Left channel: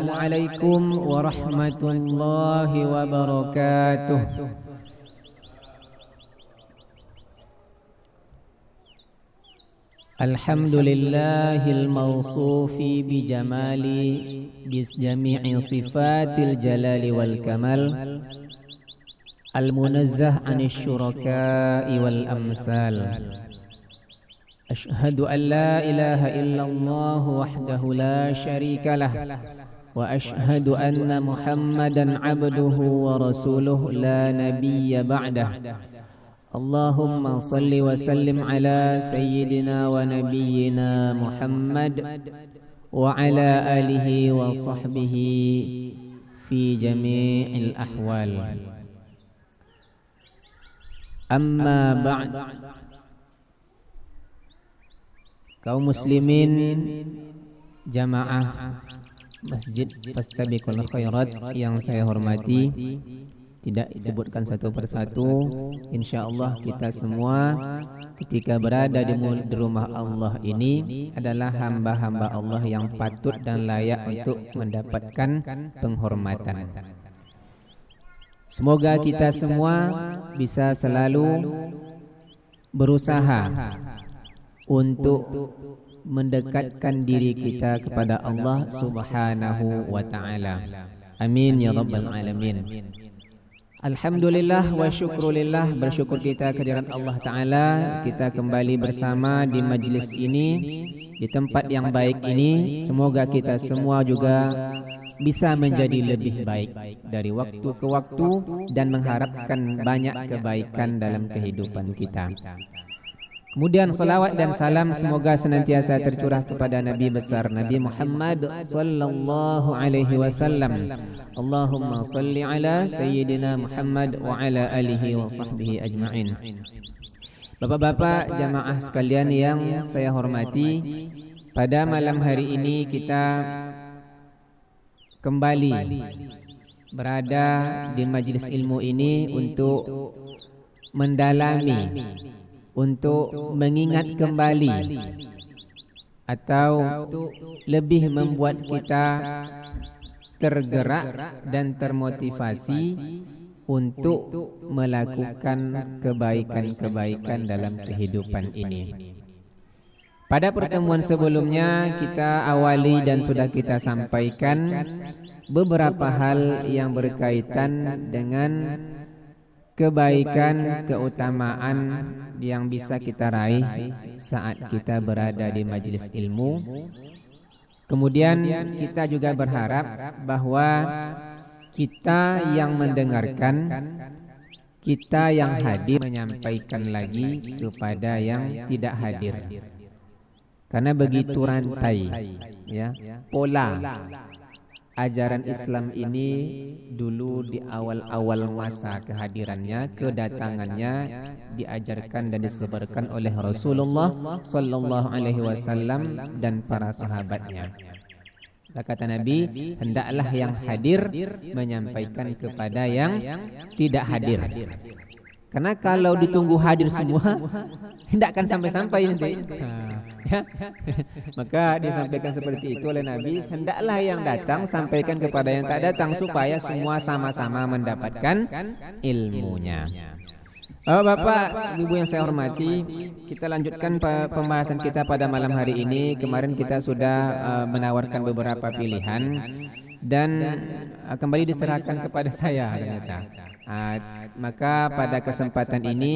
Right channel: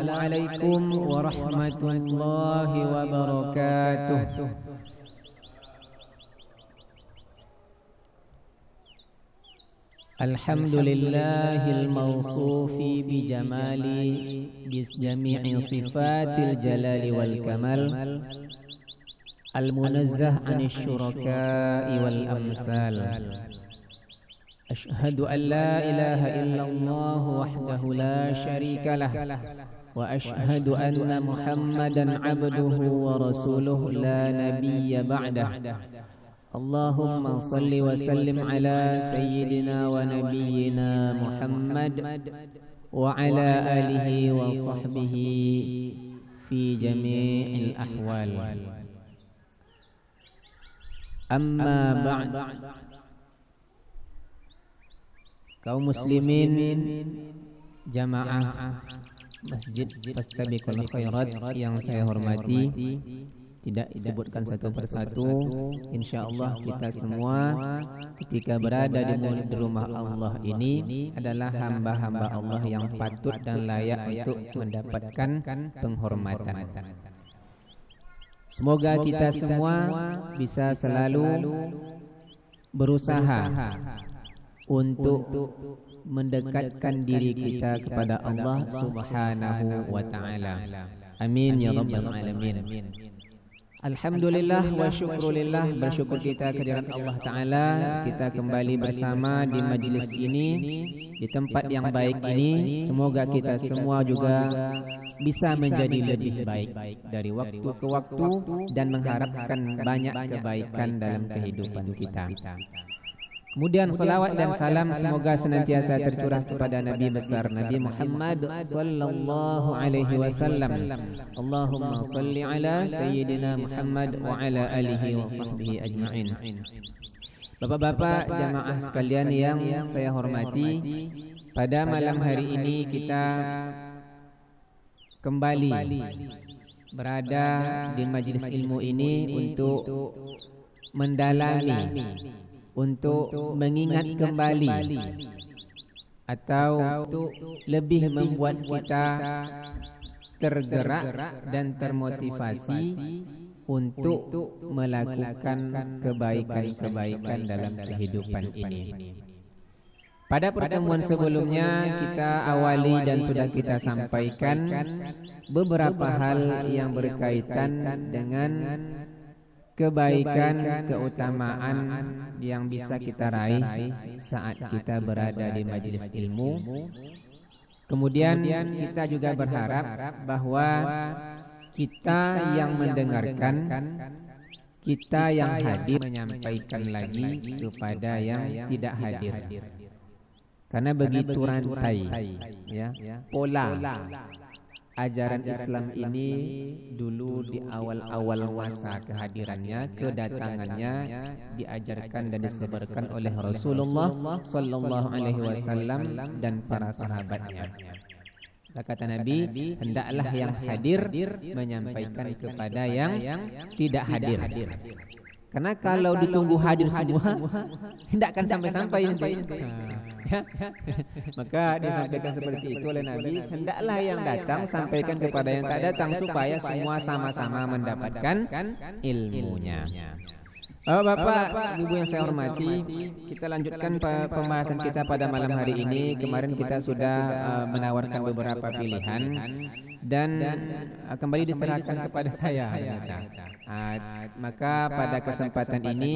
Assalamualaikum warahmatullahi wabarakatuh. Alhamdulillahil mawsufi bijamali bijami'i sifatil jalali wal kamal, al-munazzah anis syuraka'i wal amsal. Ashhadu an la ilaha illallah wahdahu la syarika lah, wa ashhadu anna Muhammadan abduhu wa rasuluh la nabiyya ba'dah. Allahumma salli wa sallim ala sayyidina wa nabiyyina Muhammad wa ala alihi wa sahbihi fi jami'il ahwal. Amma ba'd. Kaum muslimin jamaah Masjid Fastabiqul Khairat yang saya hormati, tidak disebutkan satu persatu, insyaallah kita semua ketika berada di rumah Allah ini adalah hamba-hamba Allah yang patut dan layak untuk mendapatkan penghormatan. Semoga kita semua bisa selalu berusaha untuk mendekatkan diri kita kepada Allah Subhanahu wa ta'ala. Amin ya rabbal alamin. Alhamdulillah wa syukrulillah, bersyukur kita kehadiran Allah Ta'ala. Kita kembali bersama di majlis ini, di tempat yang baik ini. Semoga kita semua juga bisa menjadi lebih baik dari waktu ke waktu dan mengharapkan banyak kebaikan dalam kehidupan kita. Kemudian salawat dan salam semoga senantiasa tercurah kepada Nabi besar Nabi Muhammad sallallahu alaihi wasallam. Allahumma salli ala sayyidina Muhammad wa ala alihi wa sahbihi ajma'in. Bapak-bapak jamaah sekalian yang saya hormati, pada malam hari ini kita kembali berada di majlis ilmu ini untuk mendalami, untuk mengingat kembali atau lebih membuat kita tergerak dan termotivasi untuk melakukan kebaikan-kebaikan dalam kehidupan ini. Pada pertemuan sebelumnya kita awali dan sudah kita sampaikan beberapa hal yang berkaitan dengan kebaikan, keutamaan yang bisa kita raih saat kita berada di majelis ilmu. Kemudian kita juga berharap bahwa kita yang mendengarkan, kita yang hadir menyampaikan lagi kepada yang tidak hadir. Karena begitu rantai ya, pola ajaran Islam ini dulu di awal-awal masa kehadirannya, kedatangannya diajarkan dan disebarkan oleh Rasulullah sallallahu alaihi wasallam dan para sahabatnya. Kata Nabi, hendaklah yang hadir menyampaikan kepada yang tidak hadir. Karena kalau ditunggu hadir semua, tidak akan sampai-sampai nanti. Ya. Maka disampaikan seperti itu oleh Nabi, hendaklah yang datang sampaikan kepada yang tak datang supaya semua sama-sama mendapatkan ilmunya. Bapak, Ibu yang saya hormati, kita lanjutkan pembahasan kita pada malam hari ini. Kemarin kita sudah menawarkan beberapa pilihan dan kembali diserahkan kepada saya. Maka pada kesempatan ini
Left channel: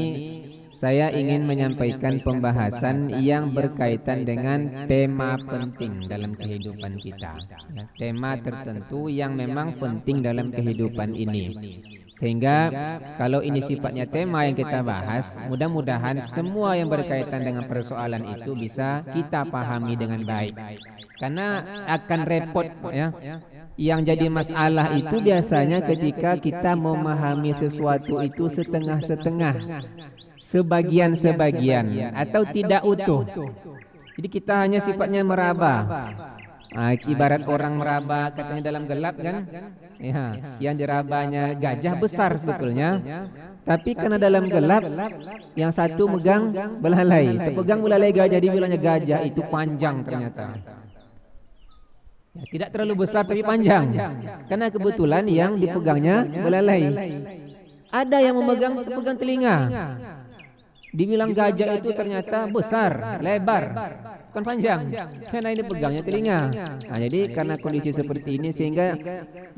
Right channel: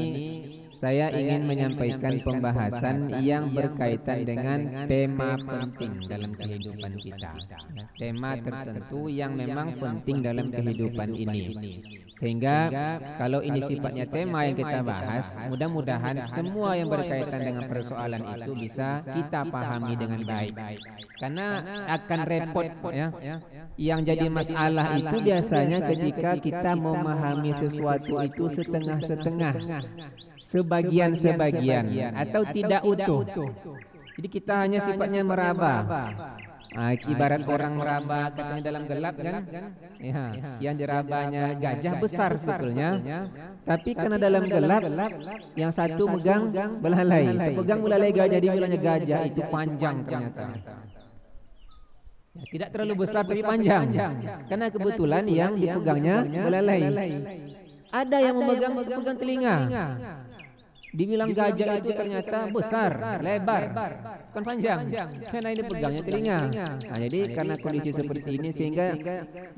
saya ingin menyampaikan pembahasan yang berkaitan dengan tema penting dalam kehidupan kita. Tema tertentu yang memang penting dalam kehidupan ini. Sehingga kalau ini sifatnya tema yang kita bahas, mudah-mudahan semua yang berkaitan dengan persoalan itu bisa kita pahami dengan baik. Karena akan repot ya. Yang jadi masalah itu biasanya ketika kita memahami sesuatu itu setengah-setengah, sebagian-sebagian atau tidak utuh. Jadi kita hanya sifatnya meraba. Ibarat orang meraba katanya dalam gelap kan, ya, yang dirabanya gajah besar sebetulnya, tapi karena dalam gelap yang satu megang belalai, terpegang belalai gajah, dibilangnya gajah itu panjang ternyata. Ya, tidak terlalu besar tapi panjang. Karena kebetulan yang dipegangnya belalai. Ada yang pegang telinga. Dibilang gajah itu ternyata besar, lebar, bukan panjang. Karena ini pegangnya telinga. Nah, jadi karena kondisi seperti ini sehingga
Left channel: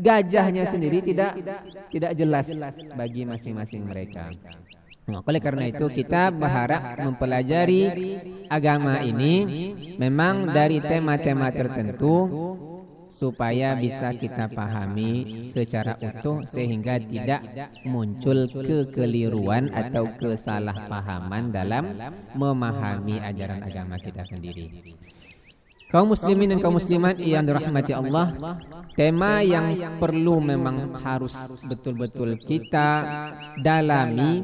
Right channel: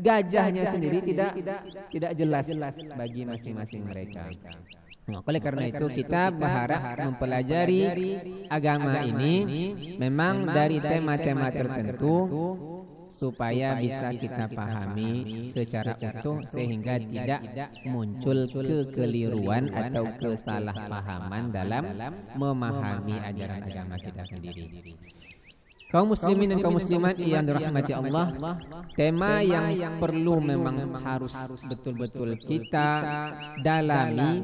gajahnya sendiri tidak jelas bagi masing-masing mereka. Nah, oleh karena itu kita berharap mempelajari agama ini memang dari tema-tema tertentu supaya bisa kita pahami secara utuh sehingga tidak muncul kekeliruan atau kesalahpahaman dalam memahami ajaran agama kita sendiri. Kaum muslimin dan kaum muslimat yang dirahmati Allah, tema yang perlu memang harus betul-betul kita dalami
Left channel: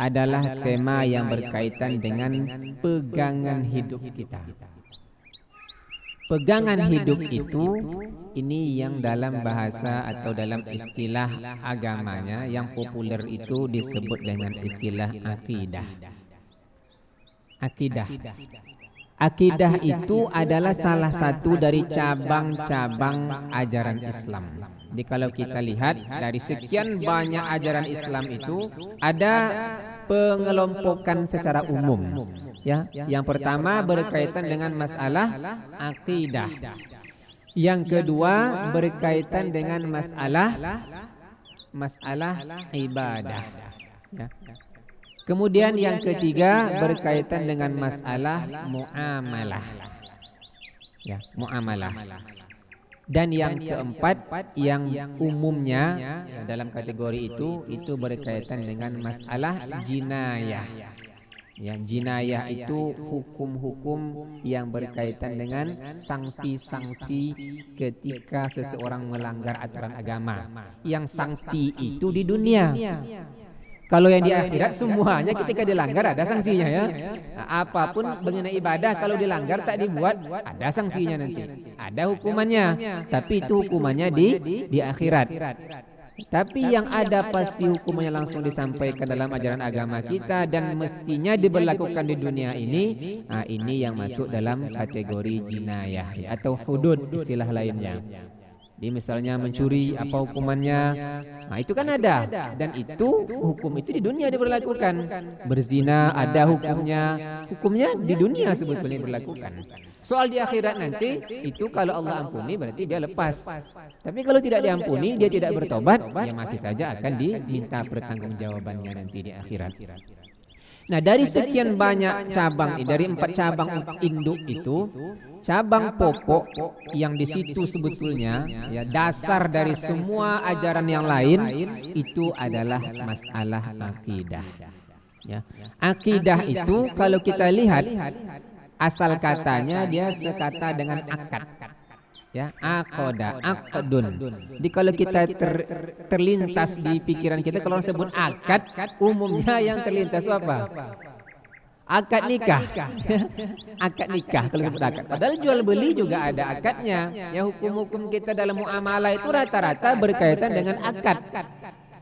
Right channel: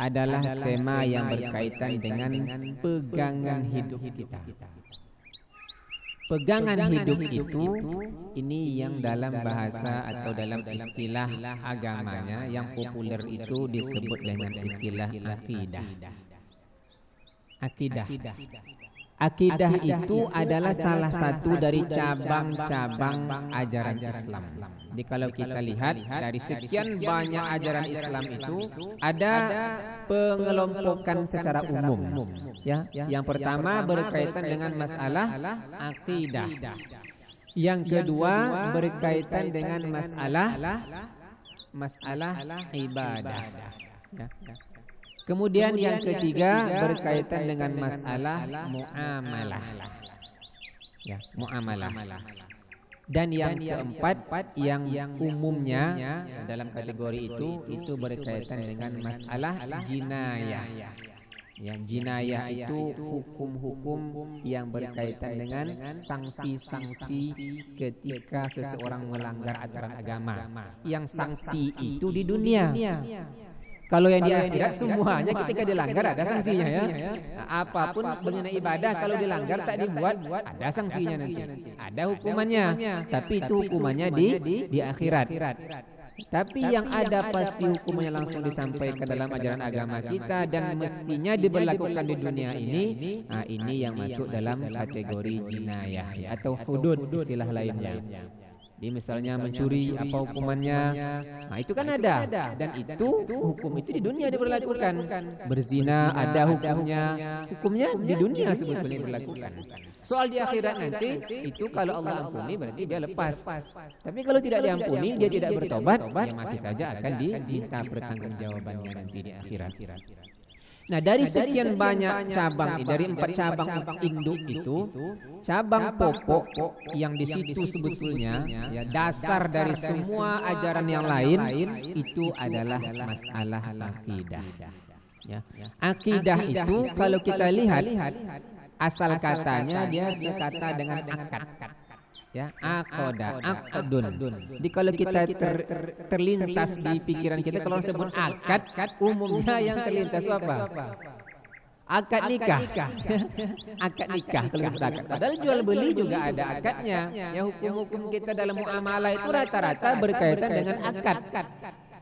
adalah tema yang berkaitan dengan pegangan hidup kita. Pegangan hidup itu ini yang dalam bahasa atau dalam istilah agamanya yang populer itu disebut dengan istilah akidah. Akidah. Akidah itu adalah salah satu dari cabang-cabang ajaran Islam. Jadi kalau kita lihat dari sekian banyak ajaran Islam itu ada pengelompokan secara umum. Ya, yang pertama berkaitan dengan masalah akidah. Yang kedua berkaitan dengan masalah ibadah. Ya. Kemudian yang ketiga berkaitan dengan masalah muamalah. Ya, muamalah. Dan yang keempat yang umumnya dalam kategori itu berkaitan dengan masalah jinayah. Ya, jinayah itu hukum-hukum yang berkaitan dengan sanksi-sanksi ketika seseorang melanggar aturan agama. Yang sanksi itu di dunia. Kalau yang di akhirat semuanya ketika dilanggar ada sanksinya ya. Nah, apapun mengenai ibadah kalau dilanggar tak dibuat ada sanksinya nanti. Ada hukumannya. Tapi itu hukumannya di akhirat. Tapi yang ada pasti hukumannya langsung disampaikan dalam ajaran agama kita dan mestinya diberlakukan di dunia ini. Nah, ini yang masuk dalam kategori jinayah atau hudud istilah lainnya. Di misalnya mencuri apa hukumannya? Nah, itu kan ada dan itu hukum itu di dunia diberlakukan. Berzina ada hukumnya di dunia sebetulnya diberlakukan. Soal di akhirat nanti itu kalau Allah ampuni berarti dia lepas. Tapi kalau tidak diampuni dia tidak bertobat, ya masih saja akan diminta pertanggungjawabannya nanti di akhirat. Nah, dari sekian banyak cabang, dari 4 cabang induk itu, cabang pokok yang di situ sebetulnya ya dasar dari semua ajaran yang lain itu adalah masalah akidah. Ya. Akidah itu kalau kita lihat asal katanya dia sekata dengan akad. Ya, aqdun. Jadi kalau kita terlintas di pikiran kita kalau sebut akad, umumnya yang terlintas apa? Akad nikah. Akad nikah kalau sebut akad. Padahal jual beli juga ada akadnya. Ya, hukum-hukum kita dalam muamalah itu rata-rata berkaitan dengan akad.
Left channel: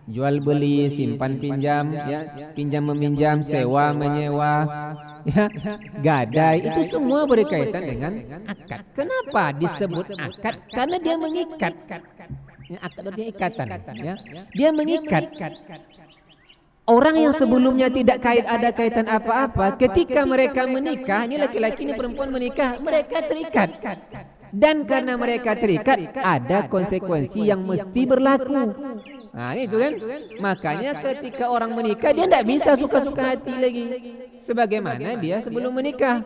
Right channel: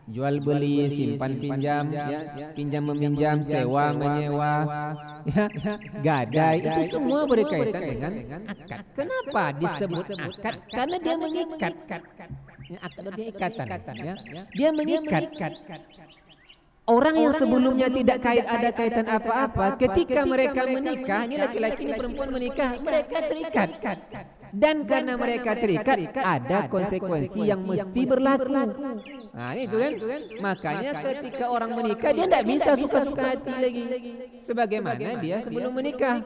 Jual beli, simpan pinjam, ya, pinjam meminjam, sewa menyewa, ya, gadai, itu semua berkaitan dengan akad. Kenapa disebut akad? Karena dia mengikat. Ya, akad artinya ikatan, ya. Dia mengikat. Orang yang sebelumnya tidak ada kaitan apa-apa, ketika mereka menikah, ini laki-laki ini perempuan menikah, mereka terikat. Dan karena mereka terikat, ada konsekuensi yang mesti berlaku. Nah, itu kan. Makanya ketika orang menikah, dia tidak bisa suka-suka hati lagi sebagaimana dia sebelum menikah.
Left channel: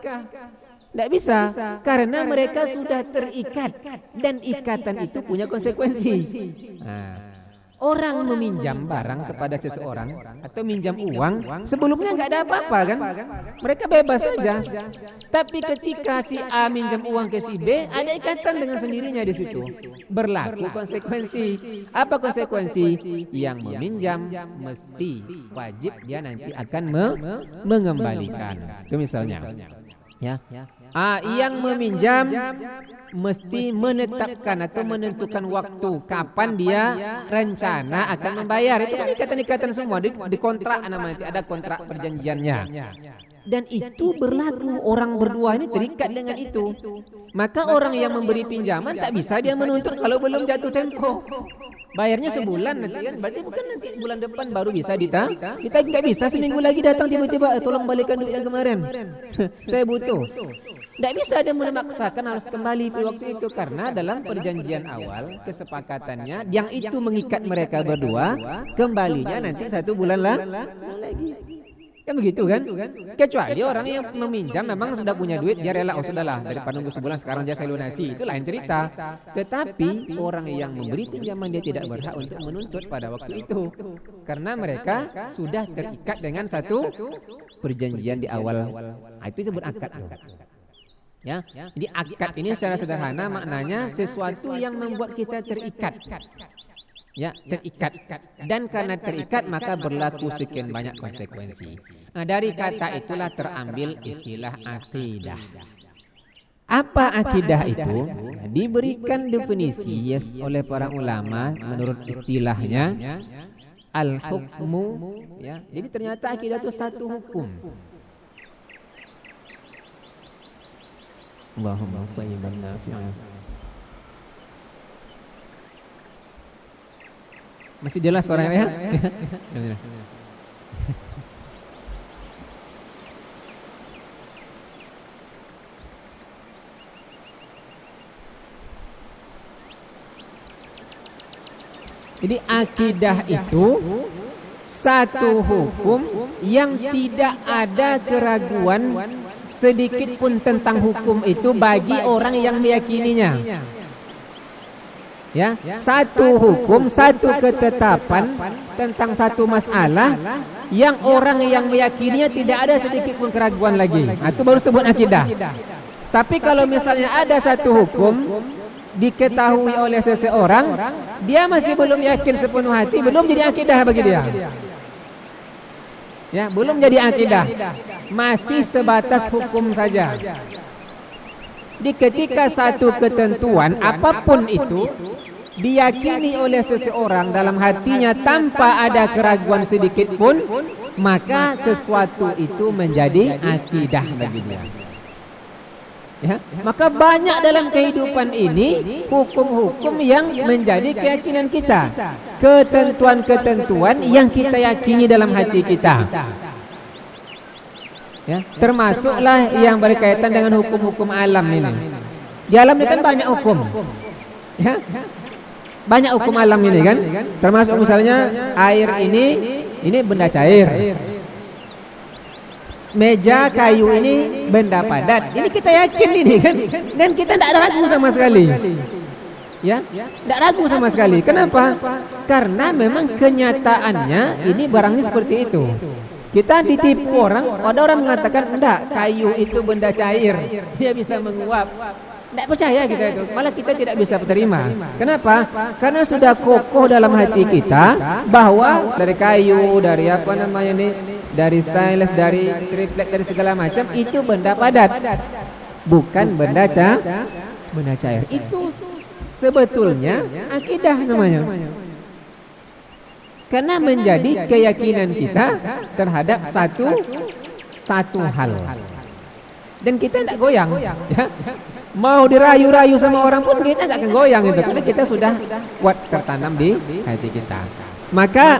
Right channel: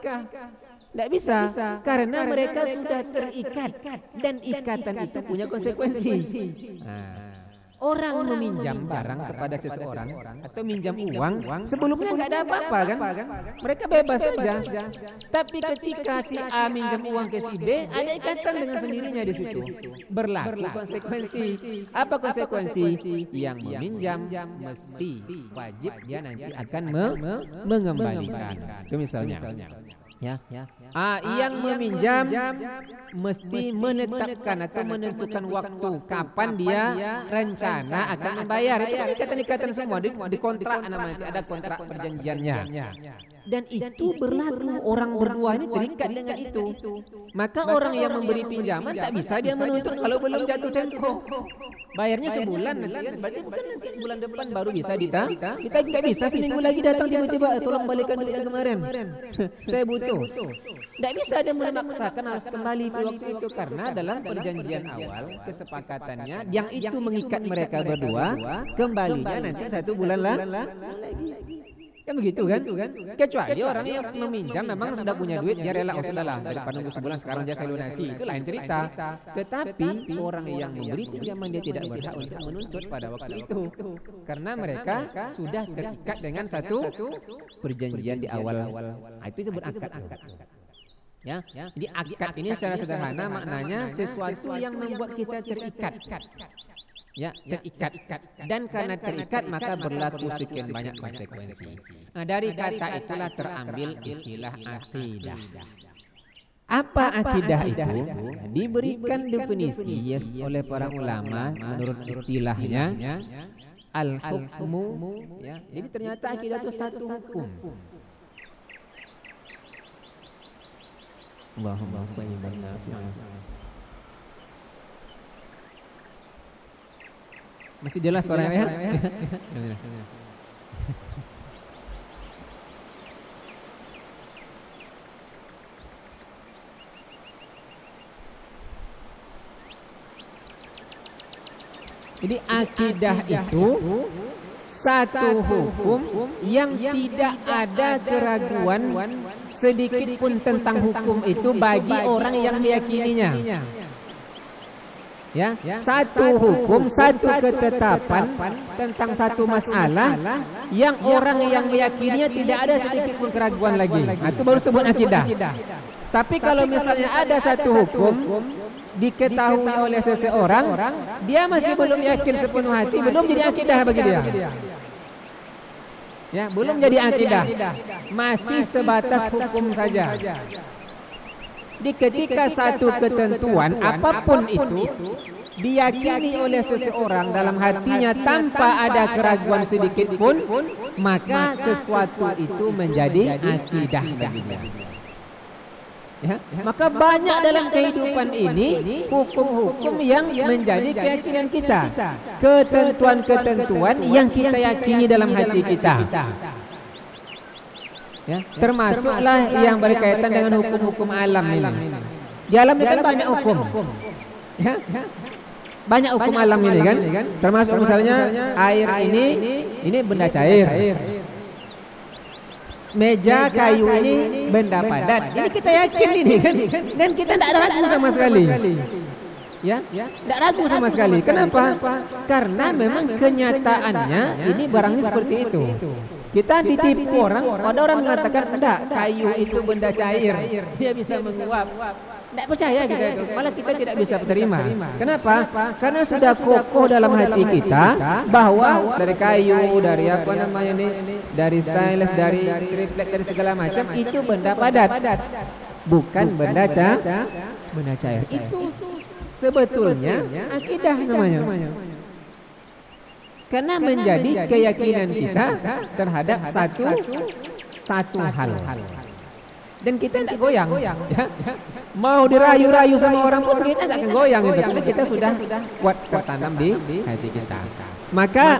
Tidak bisa, karena mereka sudah terikat. Dan ikatan itu punya konsekuensi. Nah, orang meminjam barang kepada seseorang atau minjam uang, sebelumnya nggak ada apa-apa kan? Mereka bebas saja. Tapi ketika si A minjam uang ke si B, ada ikatan dengan sendirinya di situ. Berlaku konsekuensi. Apa konsekuensi? Yang meminjam mesti wajib dia nanti akan mengembalikan. Itu misalnya. Ya. Yang meminjam mesti menetapkan atau menentukan waktu kapan dia rencana akan membayar. Itu kan ikatan-ikatan semua di kontrak namanya, ada kontrak perjanjiannya. Dan itu berlaku, orang berdua ini terikat dengan itu. Maka orang yang memberi pinjaman tak bisa dia menuntut kalau belum jatuh tempo. Bayarnya sebulan nanti kan, berarti bukan nanti bulan depan baru bisa kita nggak bisa seminggu lagi datang tiba-tiba tolong balikan duit yang kemarin. Saya butuh. Nggak bisa dia memaksakan harus kembali pada waktu itu, karena dalam perjanjian awal kesepakatannya yang itu mengikat mereka berdua, kembalinya nanti 1 bulan lagi. Kan begitu kan? Kecuali orang yang meminjam memang sudah punya duit, dia rela, oh sudahlah daripada nunggu sebulan sekarang dia saya lunasi, itu lain cerita. Tetapi orang yang memberi pinjaman dia tidak berhak untuk menuntut pada waktu itu, karena mereka sudah terikat dengan satu perjanjian di awal. Itu disebut akad. Ya, jadi akad ini secara sederhana maknanya sesuatu yang membuat kita terikat. Ya, terikat. Dan karena terikat maka berlaku sekian banyak konsekuensi. Nah, dari kata itulah terambil istilah akidah. Apa akidah itu? Diberikan definisi oleh para ulama menurut istilahnya al-hukmu, ya. Jadi ternyata akidah itu satu hukum. Allahumma shalli ala Muhammad. Masih jelas suaranya ya? Jadi akidah itu satu hukum yang tidak ada keraguan sedikit pun tentang hukum itu bagi orang yang meyakininya. Ya, satu hukum, satu ketetapan tentang satu masalah yang orang yang meyakininya tidak ada sedikit pun keraguan lagi. Itu baru sebut akidah. Tapi kalau misalnya ada satu hukum diketahui oleh seseorang, dia masih belum yakin sepenuh hati, belum jadi akidah bagi dia. Ya, belum jadi akidah. Masih sebatas hukum saja. Di ketika satu ketentuan apapun itu diyakini oleh seseorang dalam hatinya tanpa ada keraguan sedikit pun, maka sesuatu itu menjadi akidah bagi dia. Ya, maka banyak dalam kehidupan ini hukum-hukum yang menjadi keyakinan kita, ketentuan-ketentuan yang kita yakini dalam hati kita. Ya, termasuklah yang berkaitan dengan hukum-hukum alam ini. Di alam ini kan banyak hukum. Ya, banyak hukum alam ini kan. Termasuk misalnya air ini benda cair. Meja kayu ini benda padat. Ini kita yakin ini kan. Dan kita tidak ragu sama sekali. Ya, tidak ragu sama sekali. Kenapa? Karena memang kenyataannya ini barangnya seperti itu. Kita ditipu orang, ada orang mengatakan enggak, kayu itu benda cair, dia bisa menguap. Tidak percaya kita itu, malah kita tidak bisa terima. Kenapa? Karena sudah kokoh dalam hati kita bahwa dari kayu, dari apa namanya ini, dari stainless, dari triplek, dari segala macam itu benda padat, bukan benda cair. Itu sebetulnya akidah namanya. Karena menjadi keyakinan kita terhadap satu hal. Dan kita tidak goyang. Ya. Mau dirayu-rayu sama orang pun kita tidak akan goyang itu. Karena kita sudah kuat tertanam di hati kita. Maka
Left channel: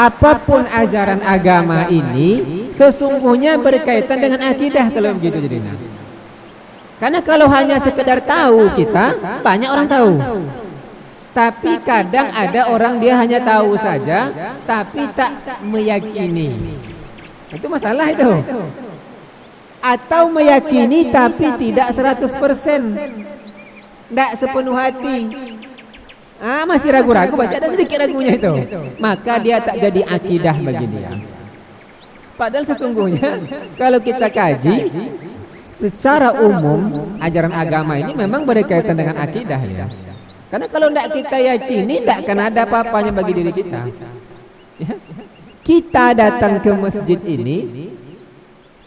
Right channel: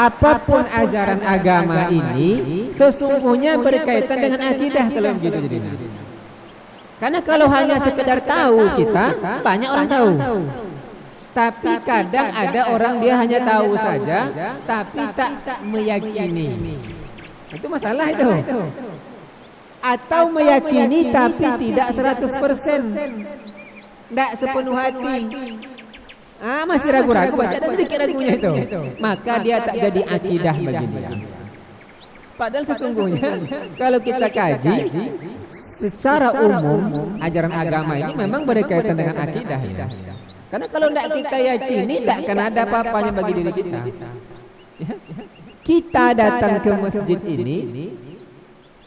apapun ajaran agama ini sesungguhnya berkaitan dengan akidah kalau begitu jadinya. Karena kalau hanya sekedar tahu kita, banyak orang tahu. Tapi kadang ada orang dia hanya tahu saja, tapi tak meyakini. Itu masalah itu. Atau meyakini tapi tidak 100%. Tidak sepenuh hati. Masih ragu-ragu, masih ada sedikit ragunya itu. Maka dia tak jadi akidah bagi dia. Padahal sesungguhnya kalau kita kaji secara umum ajaran agama ini memang berkaitan dengan akidah ya. Karena kalau tidak kita yakini, tidak akan ada apa-apanya bagi diri kita. Ya. Kita datang ke masjid ini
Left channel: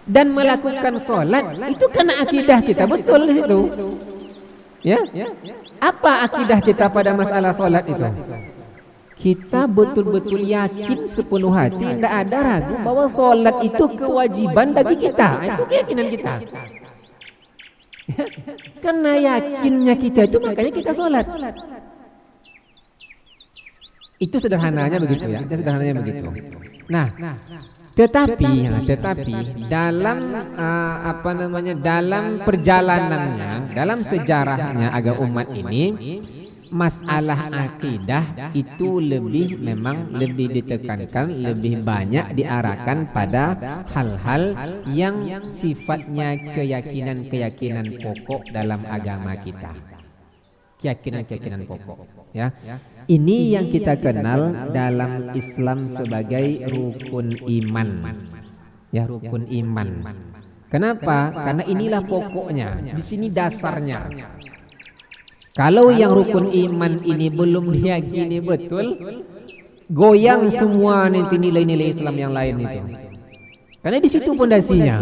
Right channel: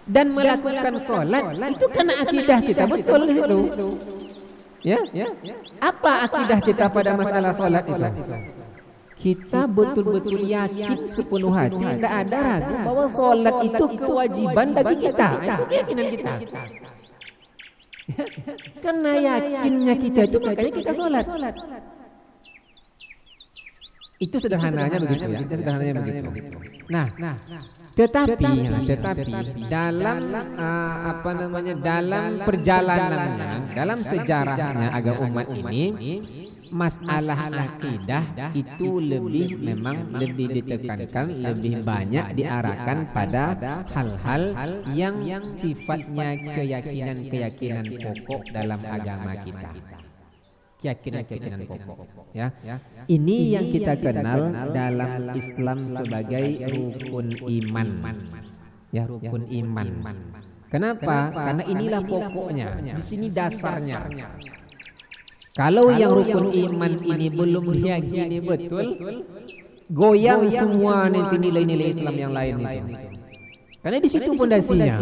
dan melakukan sholat, itu karena akidah kita betul di situ. Ya, apa akidah kita pada masalah sholat itu? Kita betul-betul yakin sepenuh hati, tidak ada ragu bahwa sholat itu kewajiban bagi kita. Itu keyakinan kita. Karena yakinnya kita itu, makanya kita sholat. Itu sederhananya begitu ya. Itu sederhananya begitu. Nah, tetapi dalam dalam perjalanannya, dalam sejarahnya agama umat ini, masalah akidah itu memang lebih ditekankan, lebih banyak diarahkan pada hal-hal yang sifatnya keyakinan pokok dalam agama kita. Keyakinan pokok, ya. Ini yang kita kenal dalam Islam sebagai rukun iman. Ya, rukun iman. Kenapa? Karena inilah pokoknya. Di sini dasarnya. Kalau yang rukun iman ini belum diyakini betul, goyang semua nanti nilai-nilai Islam yang lain itu. Karena di situ pondasinya.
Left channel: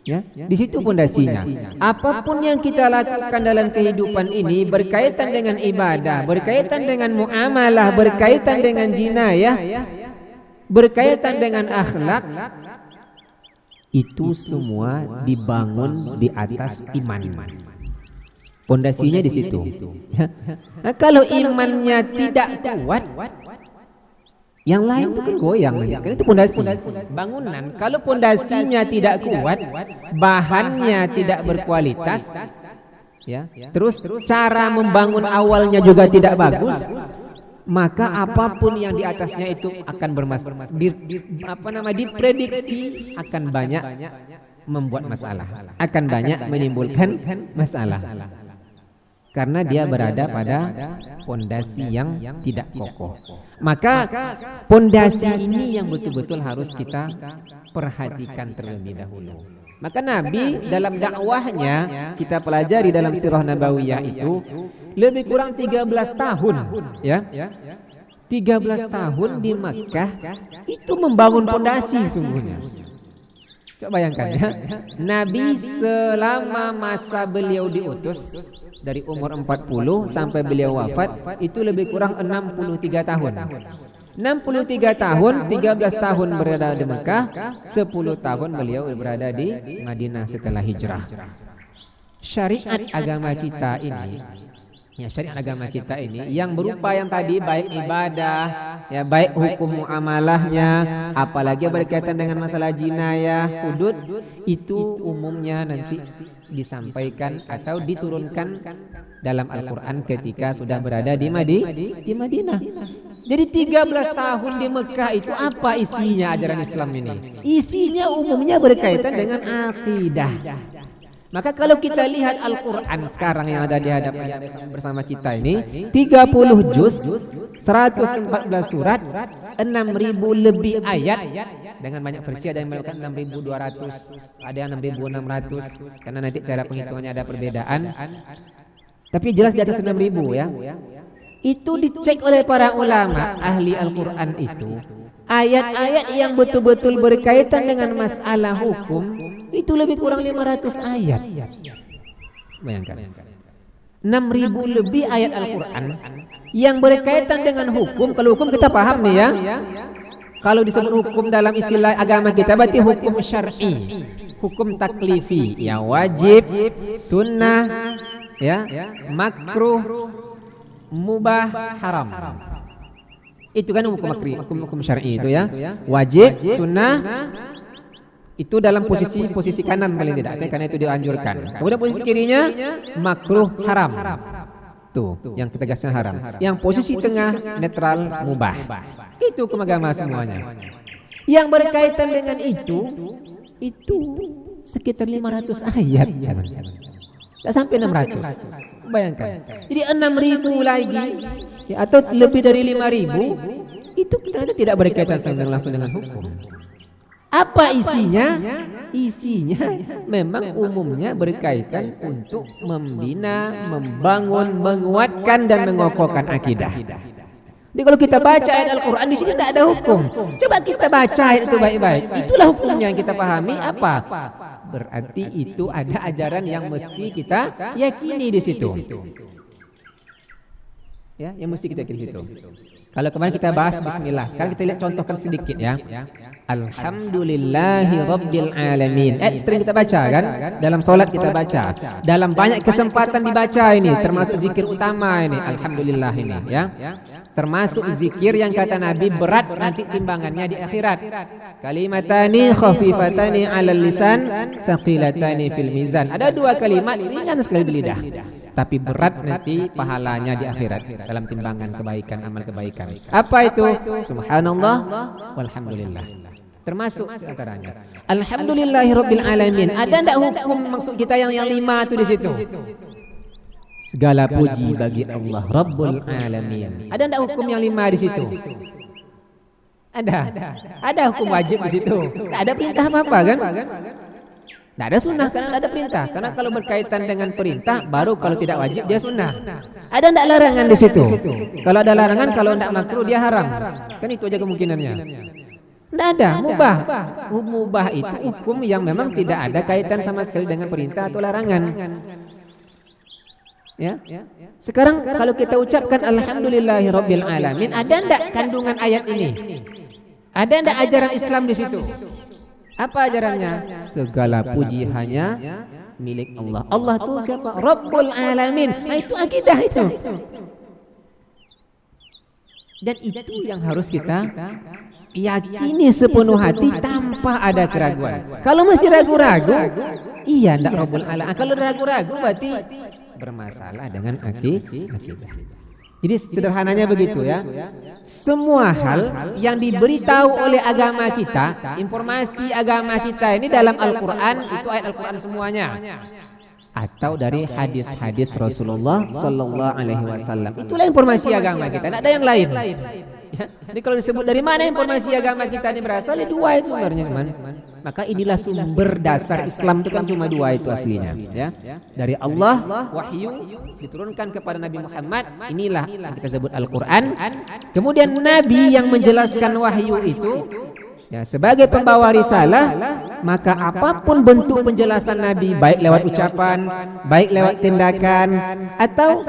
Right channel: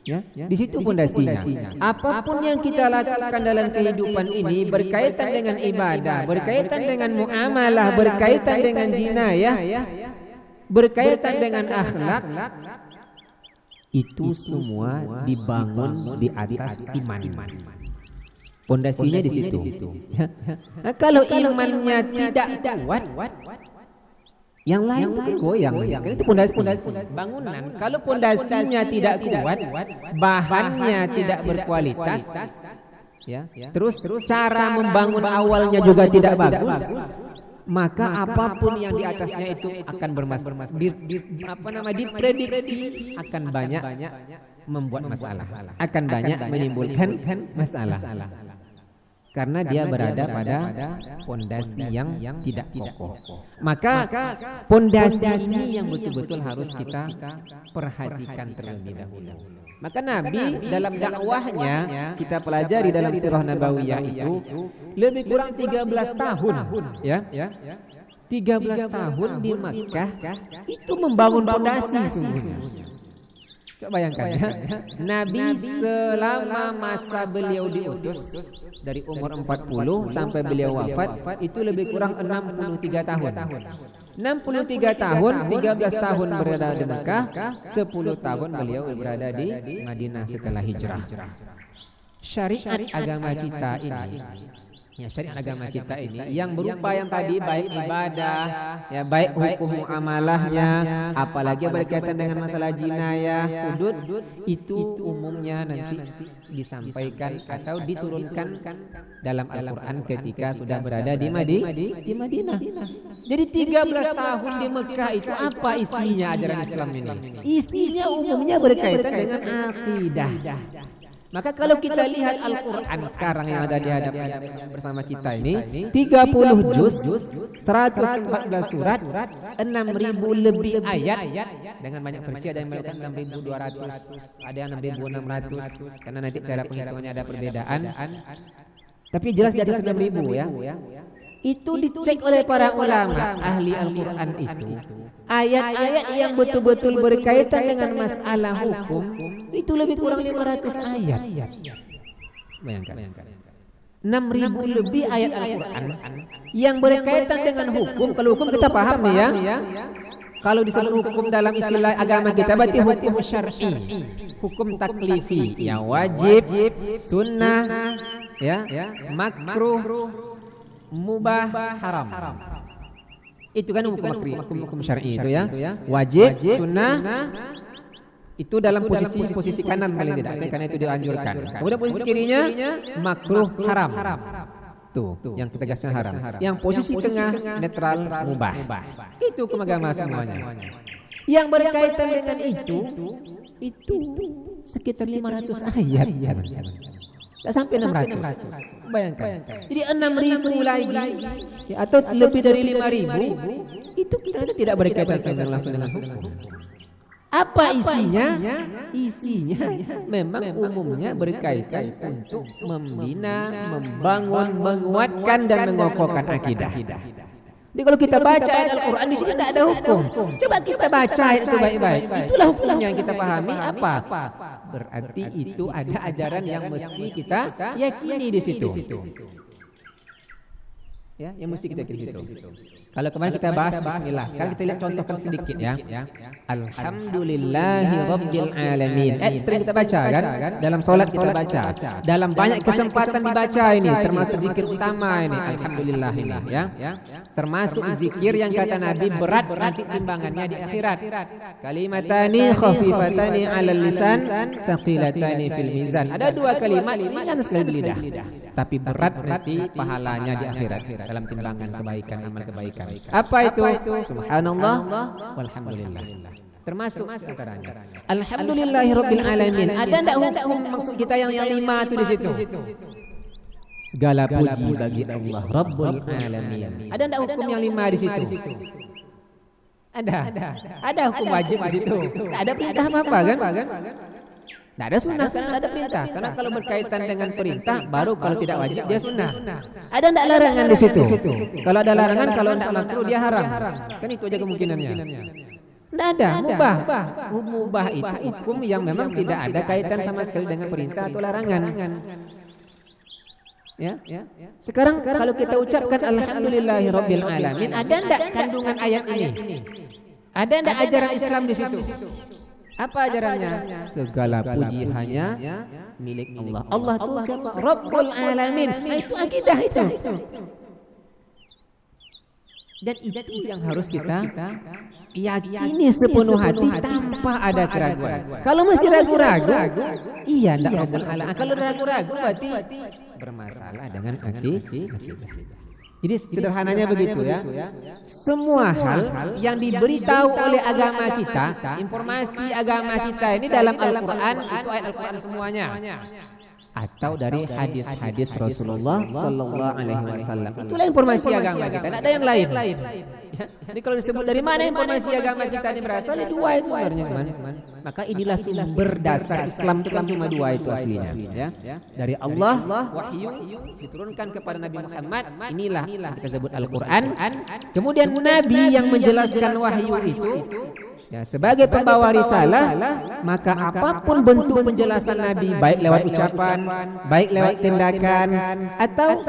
Ya, di situ pondasinya. Apapun yang kita lakukan dalam kehidupan ini berkaitan dengan ibadah, berkaitan dengan muamalah, berkaitan dengan jinayah, berkaitan dengan akhlak, itu semua dibangun di atas iman. Pondasinya di situ. Nah, kalau imannya tidak kuat, yang lain itu kan goyang, karena itu pondasi, bangunan. Kalau pondasinya tidak kuat, bahannya tidak berkualitas, ya, terus cara membangun awalnya juga tidak bagus, maka apapun yang di atasnya itu akan bermasalah. Diprediksi akan banyak membuat masalah, akan banyak menimbulkan masalah. Karena dia berada pada pondasi yang tidak kokoh. Maka pondasi ini yang betul-betul harus kita perhatikan terlebih dahulu. Maka Nabi dalam dakwahnya, kita pelajari dalam sirah Nabawiyah itu lebih kurang 13 tahun, ya. 13 tahun di Makkah itu membangun pondasi sungguhnya. Coba bayangkan ya, Nabi selama masa beliau diutus dari umur 40 sampai beliau wafat itu lebih kurang 63 tahun. 63 tahun, 13 tahun berada di Mekah, 10 tahun beliau berada di Madinah setelah hijrah. Syariat agama kita ini, ya, syariat agama kita ini yang berupa yang tadi, baik ibadah, ya, baik hukum muamalahnya, apalagi berkaitan dengan masalah jinayah, hudud, itu umumnya nanti disampaikan atau diturunkan dalam Al-Quran ketika sudah berada di Madinah. Jadi 13 tahun di Mekah itu apa isinya ajaran Islam ini? Isinya umumnya berkaitan dengan akidah. Maka kalau kita lihat Al-Quran sekarang yang ada di hadapan bersama kita ini, 30 juz, 114 surat, 6.000 lebih ayat, dengan banyak versi. Ada yang melakukan 6.200, ada yang 6.600, karena nanti cara penghitungannya ada perbedaan. Tapi jelas di atas 6.000 ya. Itu dicek oleh para ulama ahli Al-Quran itu, ayat-ayat yang betul-betul berkaitan dengan masalah hukum itu lebih kurang 500 ayat. Bayangkan, 6.000 lebih ayat Al-Quran yang berkaitan dengan hukum. Kalau hukum kita paham nih ya, kalau disebut hukum dalam istilah agama kita berarti hukum syar'i, hukum taklifi, ya, wajib, sunnah, ya, makruh, mubah, haram. Itu kan hukum syar'i itu ya. Wajib, sunnah, itu dalam posisi kanan paling tidak, karena itu dianjurkan. Kemudian posisi kirinya makruh, haram. Tuh, yang ketegasnya haram. Yang posisi tengah netral, mubah. Itu hukum agama semuanya. Yang berkaitan dengan itu sekitar 500 ayat. Tak sampai 600. Bayangkan. Jadi 6.000 lagi, ya, atau lebih dari 5.000 itu ternyata tidak berkaitan langsung dengan hukum. Apa isinya? Isinya memang umumnya berkaitan untuk membina, membangun, menguatkan dan mengokohkan akidah. Jadi kalau kita baca ayat Al-Quran di sini tidak ada hukum. Coba kita baca ayat itu baik-baik. Itulah hukumnya yang kita pahami apa? Berarti itu ada ajaran yang mesti kita yakini di situ. Ya, yang mesti kita yakini itu. Kalau kemarin kita bahas bismillah, sekarang kita lihat contohkan sedikit ya. Alhamdulillahi rabbil alamin. Sering kita baca kan? Dalam solat kita baca. Dalam banyak kesempatan dibaca ini, termasuk zikir utama ini. Alhamdulillah ini ya. Termasuk zikir yang kata Nabi berat nanti timbangannya di akhirat. Kalimatani khafifatani 'alal lisan, tsaqilatani fil mizan. Ada dua kalimat ringan sekali di lidah, tapi berat nanti pahalanya di akhirat dalam timbangan kebaikan, amal kebaikan. Apa itu? Subhanallah walhamdulillah. Termasuk antaranya. Alhamdulillahirabbil alamin. Ada enggak hukum maksud kita yang 5 itu di situ? Segala puji bagi Allah Rabbul alamin. Ada enggak hukum yang 5 di situ? Ada. Ada hukum wajib di situ. Tidak ada perintah apa-apa kan? Tidak ada sunnah karena tidak ada perintah. Karena kalau berkaitan dengan perintah, baru kalau tidak wajib dia sunnah. Ada tidak larangan di situ? Kalau ada larangan, kalau tidak makruh dia haram. Kan itu aja kemungkinannya. Tidak ada, mubah. Mubah itu hukum yang memang tidak ada kaitan sama sekali dengan perintah atau larangan. Ya. Sekarang kalau kita ucapkan alhamdulillahirabbil alamin, ada tidak kandungan ayat ini? Ada tidak ajaran Islam di situ? Apa ajarannya? Segala puji hanya milik Allah. Allah itu siapa? Rabbul alamin. Nah, itu akidah itu. Dan itu yang harus kita yakini sepenuh hati tanpa ada keraguan. Kalau masih ragu-ragu, iya ndak Rabbul alamin. Kalau ragu-ragu berarti bermasalah dengan akidah. Jadi sederhananya begitu ya. Semua hal yang diberitahu oleh agama kita, informasi agama kita ini dalam Al-Quran, itu ayat Al-Quran semuanya. Atau dari hadis-hadis Rasulullah Sallallahu Alaihi Wasallam. Itulah informasi agama kita, tidak ada yang lain. Ya. Jadi kalau disebut dari mana informasi agama kita ini berasal, dua itu sebenarnya teman. Maka inilah sumber dasar Islam itu kan cuma dua itu aslinya. Ya. Dari Allah wahyu diturunkan kepada Nabi Muhammad, inilah yang kita sebut Al-Quran. Kemudian Nabi yang menjelaskan wahyu itu ya, sebagai pembawa risalah, maka apapun bentuk penjelasan Nabi, baik lewat ucapan, baik lewat tindakan, atau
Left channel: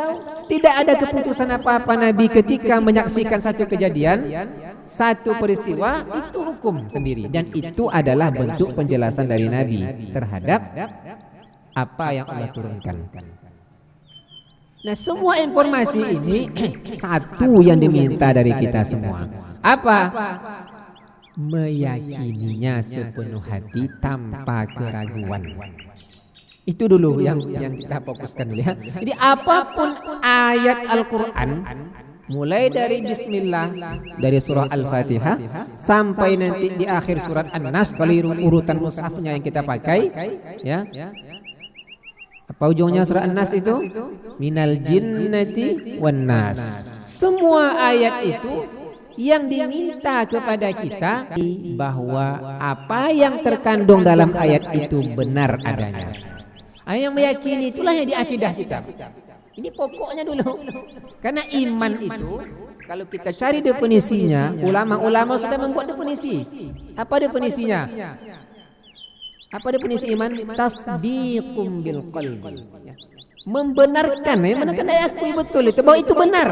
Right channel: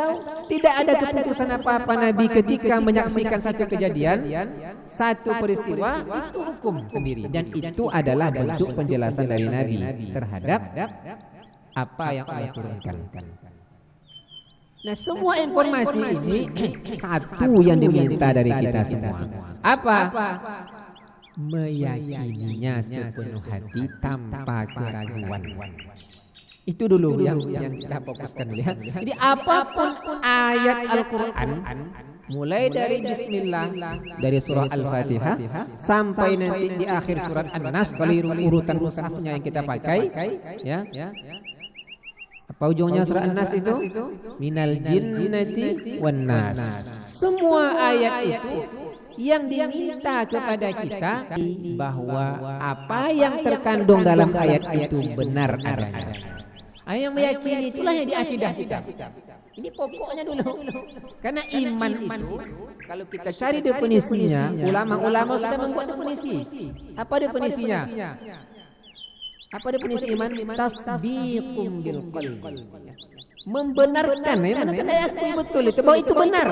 tidak ada keputusan apa-apa Nabi ketika menyaksikan satu kejadian, satu peristiwa, itu hukum sendiri. Dan itu adalah bentuk penjelasan dari Nabi terhadap apa yang Allah turunkan. Nah, semua informasi ini satu yang diminta dari kita semua. Apa? Meyakininya sepenuh hati tanpa keraguan. Itu dulu yang kita fokuskan ya. Jadi apapun ayat Al-Quran, mulai dari Bismillah, dari surah Al-Fatihah sampai nanti di akhir surat An-Nas, kalau urutan mushafnya yang kita pakai, ya. Apa ujungnya surah An-Nas itu? Minal jinnati wan nas. Semua ayat itu yang diminta kepada kita bahwa apa yang terkandung dalam ayat itu benar adanya. Yang meyakini itulah yang di akidah kita. Ini pokoknya dulu. Karena iman itu kalau kita cari definisinya, ulama-ulama sudah membuat definisi. Apa definisinya? Apa definisi iman? Tasdiqum bil qalbi. Membenarkan, membenarkan aku betul itu bahwa itu benar.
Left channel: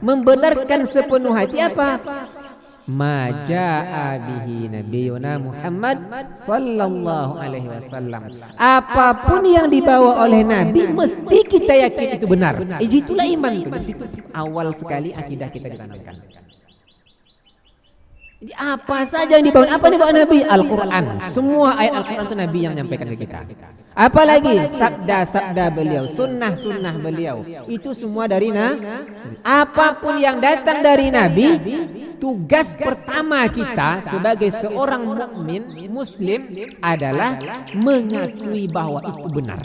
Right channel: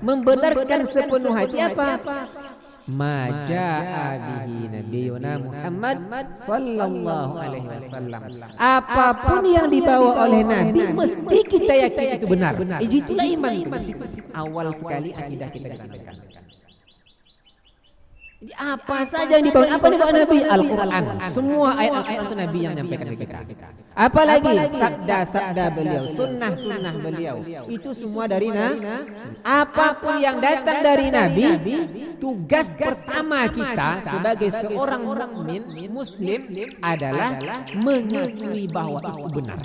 Membenarkan sepenuh hati apa? Maja'a bihi nabiyuna Muhammad sallallahu alaihi wasallam. Apapun yang dibawa oleh Nabi mesti kita yakin itu benar. Itulah iman itu. Itu awal sekali akidah kita ditanamkan. Jadi apa saja yang dibawa, apa yang dibawa Nabi? Al-Quran. Semua ayat Al-Quran itu Nabi yang menyampaikan ke kita. Apalagi sabda-sabda beliau, sunnah-sunnah beliau, itu semua dari Nabi. Apapun yang datang dari Nabi, tugas pertama kita sebagai seorang mukmin Muslim adalah mengakui bahwa itu benar.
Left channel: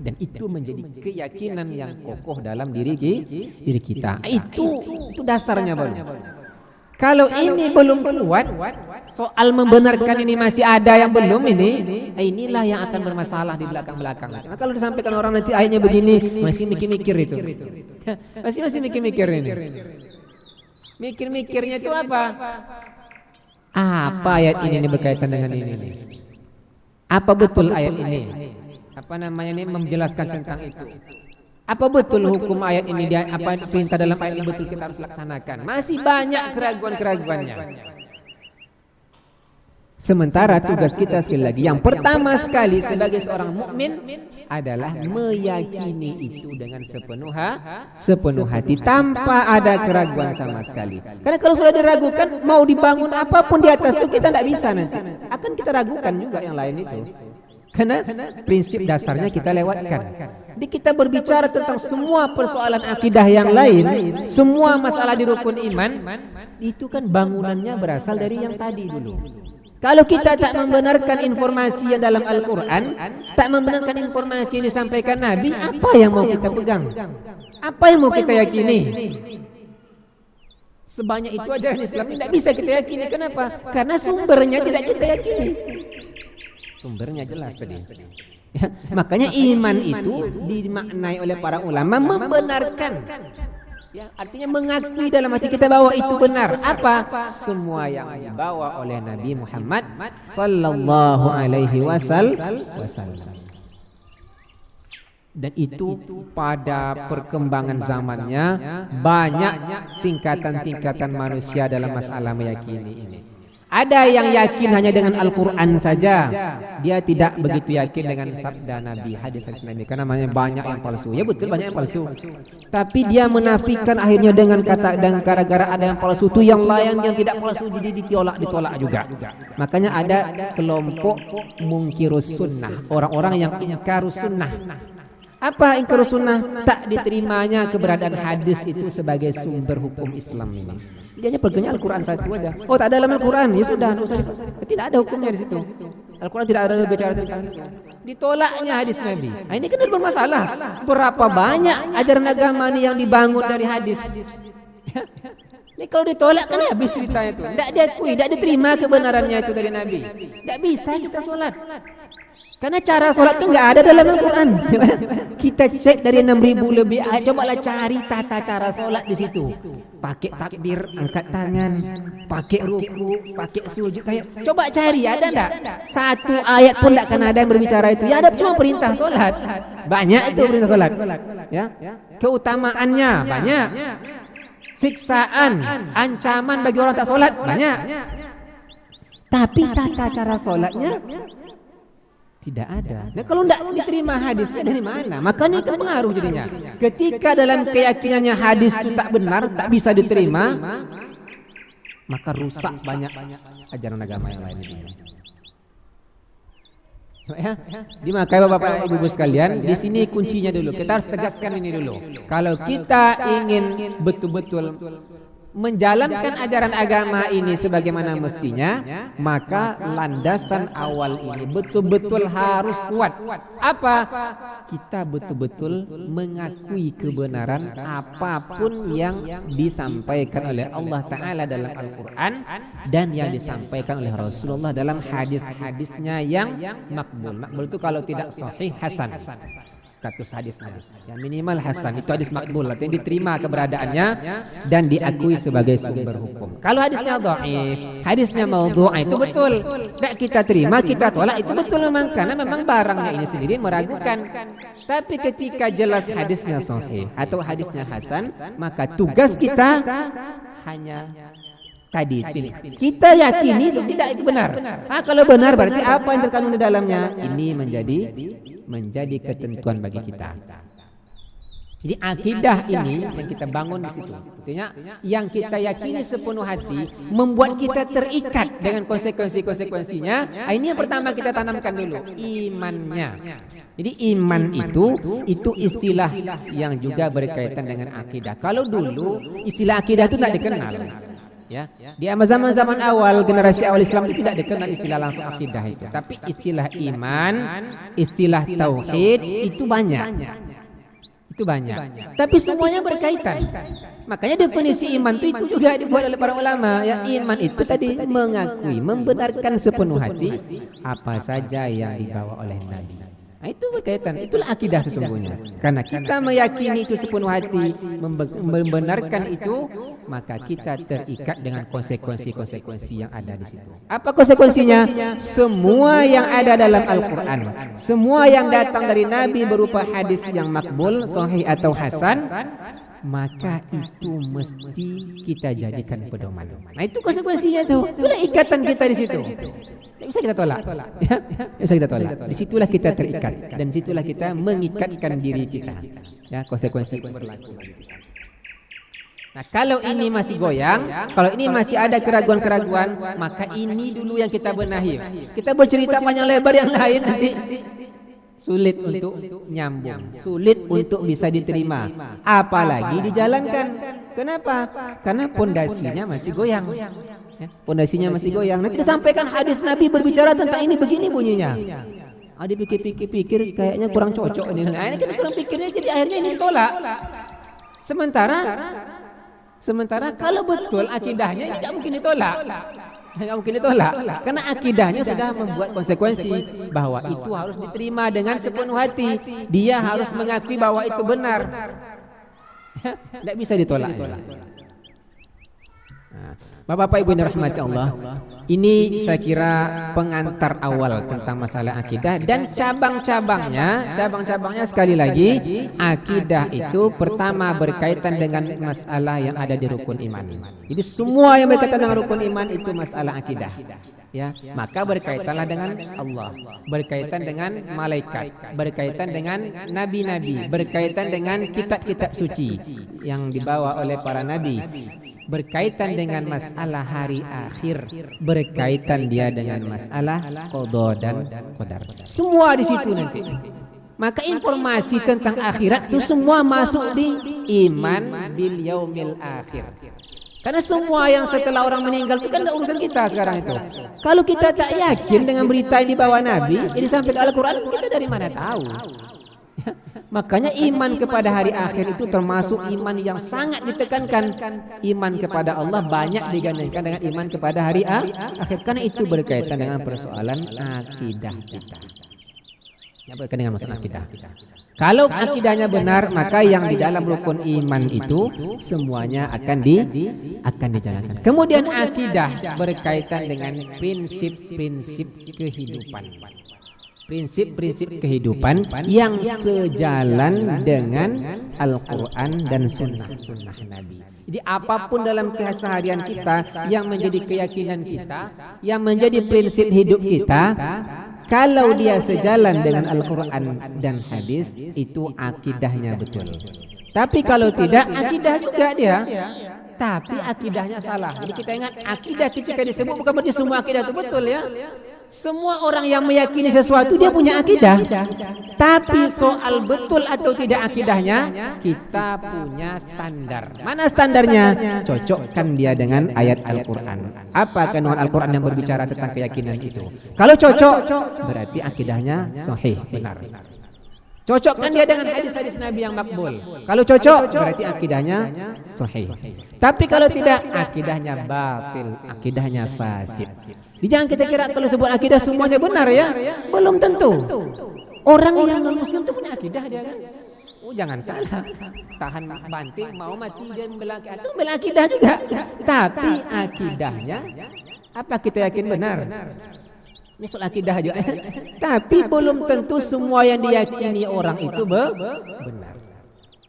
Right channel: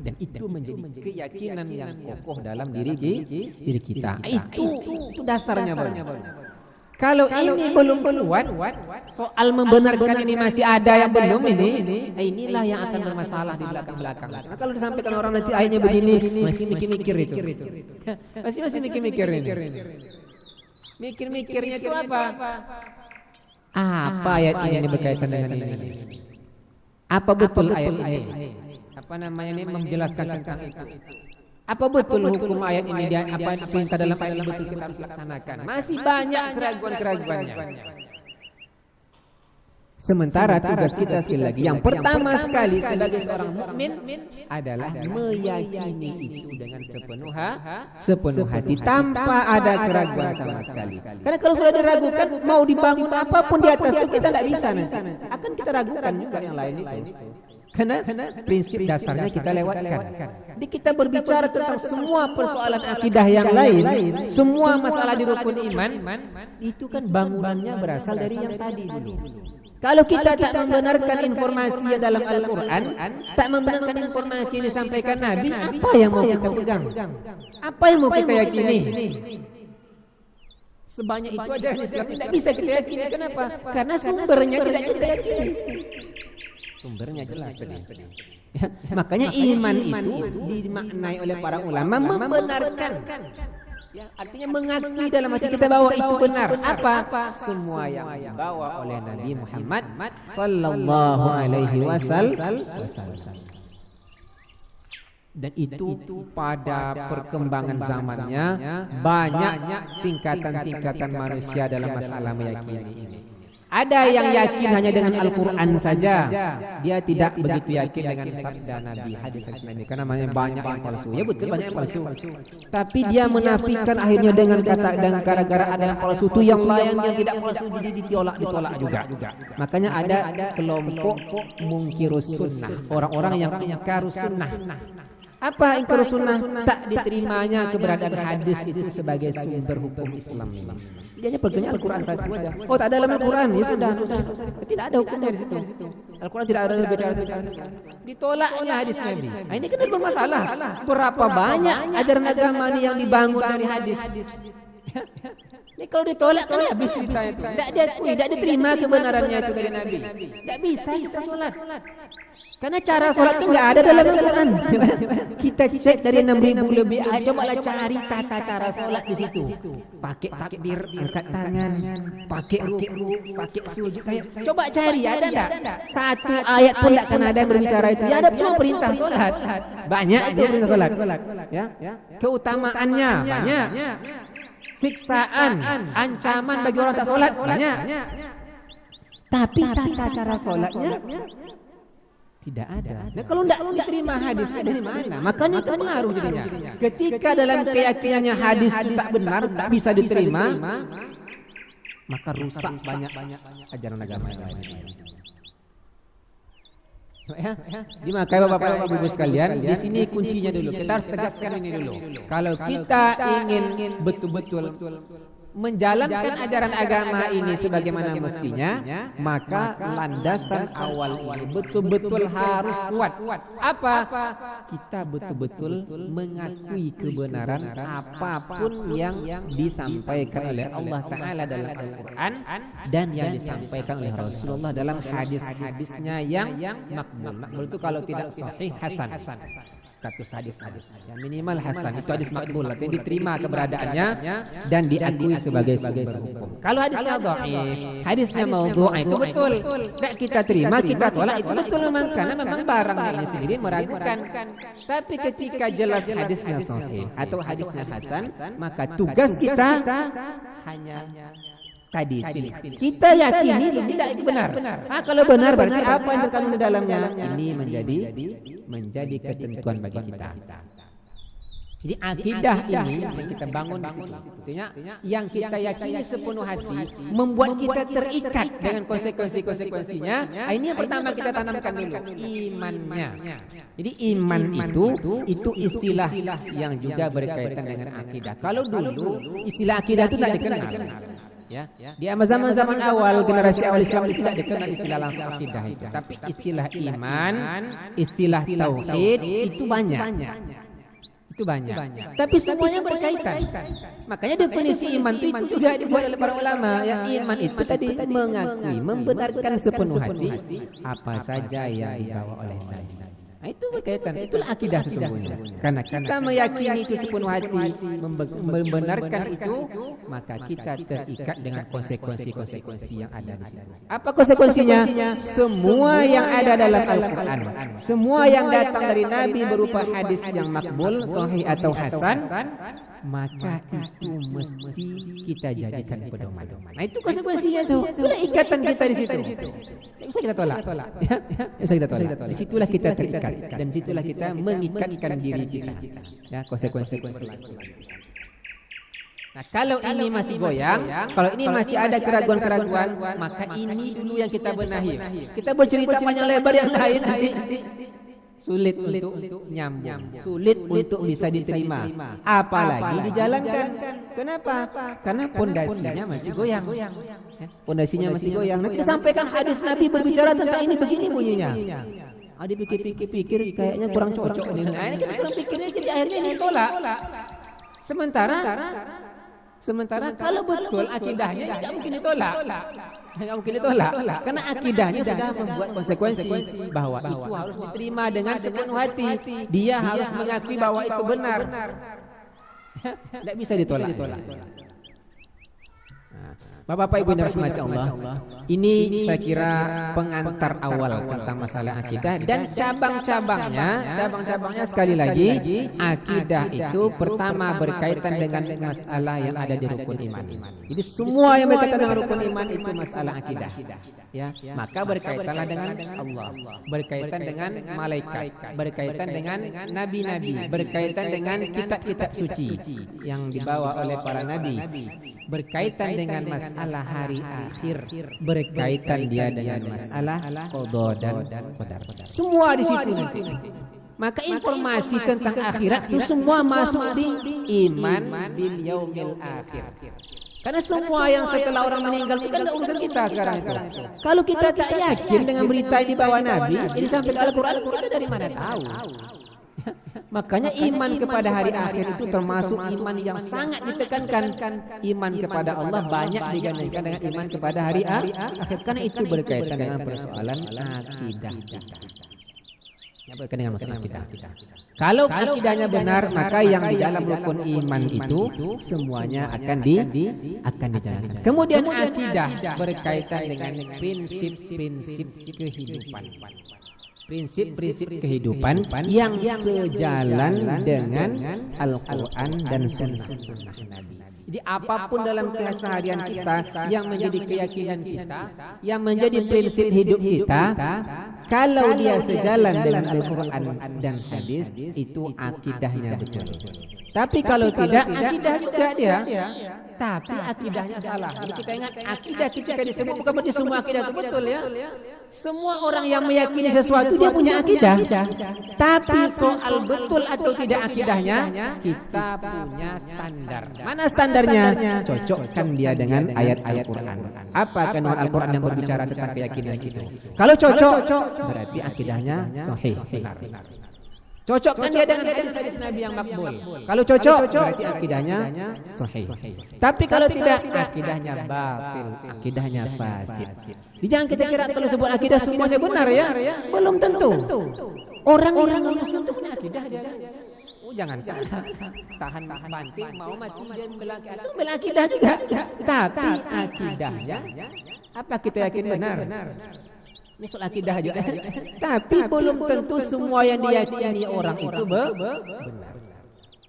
Dan itu menjadi keyakinan yang kokoh dalam diri kita. Itu dasarnya baru. Kalau ini belum kuat, soal membenarkan ini masih ada yang belum inilah yang akan bermasalah di belakang-belakang. Nah, kalau disampaikan orang nanti ayatnya begini, masih mikir-mikir itu. Masih mikir-mikir ini. Mikir-mikirnya itu apa? Apa ayat ini berkaitan dengan ini? Apa betul ayat ini? Apa namanya ini menjelaskan tentang itu? Apa betul hukum ayat ini, apa perintah dalam ayat ini betul kita harus laksanakan? Masih banyak keraguan-keraguannya. Sementara tugas kita sekali lagi, yang pertama sekali sebagai seorang mukmin adalah meyakini itu dengan sepenuh hati tanpa ada keraguan sama sekali. Karena kalau sudah diragukan, mau dibangun apapun di atas itu kita tidak bisa nanti. Akan kita ragukan juga yang lain itu. Karena prinsip dasarnya kita lewatkan. Jadi kita berbicara tentang semua persoalan akidah yang lain, semua masalah di rukun iman, itu kan bangunannya berasal dari yang tadi dulu. Kalau kita tak membenarkan informasi yang dalam Al-Quran, tak membenarkan informasi yang disampaikan Nabi, apa yang mau kita pegang? Apa yang mau kita yakini? Sebanyak itu ajaran Islam tidak bisa kita yakini. Kenapa? Karena sumbernya tidak kita yakini. Sumbernya jelas tadi. Ya, makanya iman itu dimaknai oleh para ulama membenarkan. Ya, artinya mengakui dalam hati kita bahwa itu benar. Apa? Semua yang dibawa oleh Nabi Muhammad sallallahu alaihi wasallam. Dan itu pada perkembangan zamannya banyak tingkatan-tingkatan manusia dalam masalah meyakini ini. Ada yang yakin hanya dengan Al-Quran saja, dia tidak begitu yakin dengan sabda Nabi, hadis-hadis Nabi, karena banyak yang palsu. Ya betul, banyak yang palsu. Tapi dia menafikan akhirnya dengan kata, dan gara-gara ada yang palsu itu yang lain yang tidak palsu jadi ditolak juga. Makanya ada kelompok mungkirus sunnah, orang-orang yang ingkarus sunnah. Apa ingkarus sunnah? Tak diterimanya keberadaan hadis itu sebagai sumber hukum Islam ini. Dia hanya pegangnya Al-Quran satu aja. Oh, tak ada dalam Al-Quran, ya sudah. Tidak ada hukumnya di situ. Al-Quran tidak ada bicara tentang itu. Ditolaknya hadis Nabi. Nah, ini kan bermasalah. Berapa banyak ajaran agama ini yang dibangun dari hadis? Ini kalau ditolak kan habis ceritanya itu. Tidak diakui, tidak diterima kebenarannya itu dari Nabi. Tidak bisa kita sholat. Karena cara sholat itu nggak ada dalam Al-Quran. Kita cek dari 6.000 lebih. Cobalah cari tata cara sholat di situ. Pakai takbir, angkat tangan, pakai ruku, pakai sujud. Coba cari, ada enggak? Satu ayat pun tidak akan ada yang berbicara itu. Ya ada cuma perintah sholat. Banyak itu perintah sholat. Ya, keutamaannya banyak. Siksaan, ancaman bagi orang tak sholat banyak. Tapi tata cara sholatnya tidak ada. Nah, kalau tidak diterima hadisnya dari mana? Makanya itu pengaruh jadinya. Ketika dalam keyakinannya hadis itu tak benar, tak bisa diterima, maka rusak banyak ajaran agama yang lain. Ya, makanya Bapak Ibu sekalian, di sini kuncinya dulu. Kita harus tegaskan ini dulu. Kalau kita ingin betul-betul menjalankan ajaran agama ini sebagaimana mestinya, maka landasan awal ini betul-betul harus kuat. Apa? Kita betul-betul mengakui kebenaran apapun yang disampaikan oleh Allah Ta'ala dalam Al-Quran dan yang disampaikan oleh Rasulullah dalam hadis-hadisnya yang makbul. Makbul itu kalau tidak sahih, hasan. Status hadisnya yang minimal hasan, itu hadis makbul, artinya diterima keberadaannya dan diakui sebagai sumber hukum. Kalau hadisnya dhaif, hadisnya maudhu', itu betul tidak kita terima, kita tolak, itu betul memang, karena memang barangnya ini sendiri meragukan. Tapi ketika jelas hadisnya sahih atau hadisnya hasan, maka tugas kita hanya tadi kita yakini itu tidak itu benar. Kalau benar berarti apa yang terkandung di dalamnya ini menjadi ketentuan bagi kita. Jadi akidah ini yang kita bangun di situ. Artinya yang kita yakini sepenuh hati membuat kita terikat dengan konsekuensi-konsekuensinya. Ini yang pertama kita tanamkan dulu, imannya. Jadi iman itu istilah yang juga berkaitan dengan akidah. Kalau dulu istilah akidah itu tidak dikenal. Ya, di zaman-zaman awal, generasi awal Islam itu tidak dikenal istilah langsung akidah itu, tapi istilah iman, istilah tauhid itu banyak. Tapi semuanya berkaitan. Makanya definisi iman itu juga dibuat oleh para ulama. Ya, iman itu tadi mengakui, membenarkan sepenuh hati apa saja yang dibawa oleh Nabi. Nah, itu berkaitan, itulah akidah sesungguhnya. Karena kita meyakini itu sepenuh hati, membenarkan itu, maka kita terikat dengan konsekuensi-konsekuensi yang ada di situ. Apa konsekuensinya? Semua yang ada dalam Al-Quran, semua yang datang dari Nabi berupa hadis yang makbul, sahih atau hasan, maka itu mesti kita jadikan pedoman. Nah, itu konsekuensinya tuh. Itulah ikatan kita di situ. Tidak bisa kita tolak. Ya, tidak bisa kita tolak. Disitulah kita terikat dan disitulah kita mengikatkan diri kita. Ya, konsekuensi berlaku. Nah, kalau ini masih goyang, kalau ini masih ada keraguan-keraguan, maka ini dulu yang kita benahi. Kita bercerita panjang lebar yang lain nanti sulit untuk nyambung, sulit untuk bisa diterima, apalagi dijalankan. Kenapa? Karena pondasinya masih goyang. Pondasinya masih goyang. Nanti disampaikan hadis Nabi berbicara tentang ini begini bunyinya. Ada pikir-pikir kayaknya kurang cocok ini. Nah, ini kan kurang pikirnya jadi akhirnya ini tolak. Sementara kalau betul akidahnya tidak mungkin ditolak. Tidak mungkin ditolak. Karena akidahnya sudah membuat konsekuensi bahwa itu harus diterima dengan sepenuh hati. Dia harus mengakui bahwa itu benar. Tidak bisa ditolak. Bapak-bapak Ibu yang dirahmati Allah, ini saya kira pengantar awal tentang masalah akidah dan cabang-cabangnya sekali lagi, akidah itu pertama berkaitan dengan masalah yang ada di rukun iman. Jadi semua yang berkaitan dengan rukun iman itu masalah akidah. Ya, maka berkaitanlah dengan Allah, berkaitan dengan malaikat, berkaitan dengan nabi-nabi, berkaitan dengan kitab-kitab suci yang dibawa oleh para nabi, berkaitan dengan masalah hari akhir, berkaitan dia dengan masalah qada dan qadar. Semua di situ nanti. Maka informasi tentang akhirat itu semua masuk di iman bil yaumil akhir. Karena semua yang setelah orang meninggal itu kan urusan kita sekarang itu. Kalau kita tak yakin dengan berita yang dibawa Nabi, ini sampai Al-Quran, kita dari mana tahu? Makanya iman kepada hari akhir itu termasuk iman yang sangat ditekankan. Iman kepada Allah banyak digandingkan dengan iman kepada hari akhir. Karena itu berkaitan dengan persoalan akidah kita. Yang berkaitan dengan masalah akidah. Kalau akidahnya benar, maka yang di dalam rukun iman itu semuanya akan dijalankan. Kemudian akidah berkaitan dengan prinsip-prinsip kehidupan. Prinsip-prinsip kehidupan yang sejalan dengan Al-Quran dan sunnah Nabi. Jadi apapun dalam keseharian kita yang menjadi keyakinan kita, yang menjadi prinsip hidup kita, kalau dia sejalan dengan Al-Quran dan hadis, itu akidahnya betul. Tapi kalau tidak, akidah juga dia. Tapi akidahnya salah. Jadi kita ingat, akidah ketika disebut bukan berarti semua akidah itu betul ya. Semua orang yang meyakini sesuatu dia punya akidah. Tapi soal betul atau tidak akidahnya, kita punya standar. Mana standarnya? Cocokkan dia dengan ayat Al-Quran. Apa kandungan Al-Quran yang berbicara tentang keyakinan itu? Kalau cocok, berarti akidahnya sahih, benar. Cocokkan dia dengan hadis-hadis Nabi yang makbul. Kalau cocok, berarti akidahnya sahih. Tapi kalau tidak, akidahnya batil, akidahnya fasid. Jangan kita kira kalau sebut akidah semuanya benar ya. Belum tentu. Orang yang non-Muslim itu punya akidah dia kan. Oh, jangan salah. Tahan banting mau mati dan membela akidah juga. Tapi akidahnya apa kita yakin benar? Ini soal akidah aja. Tapi belum tentu semua yang diyakini orang itu benar.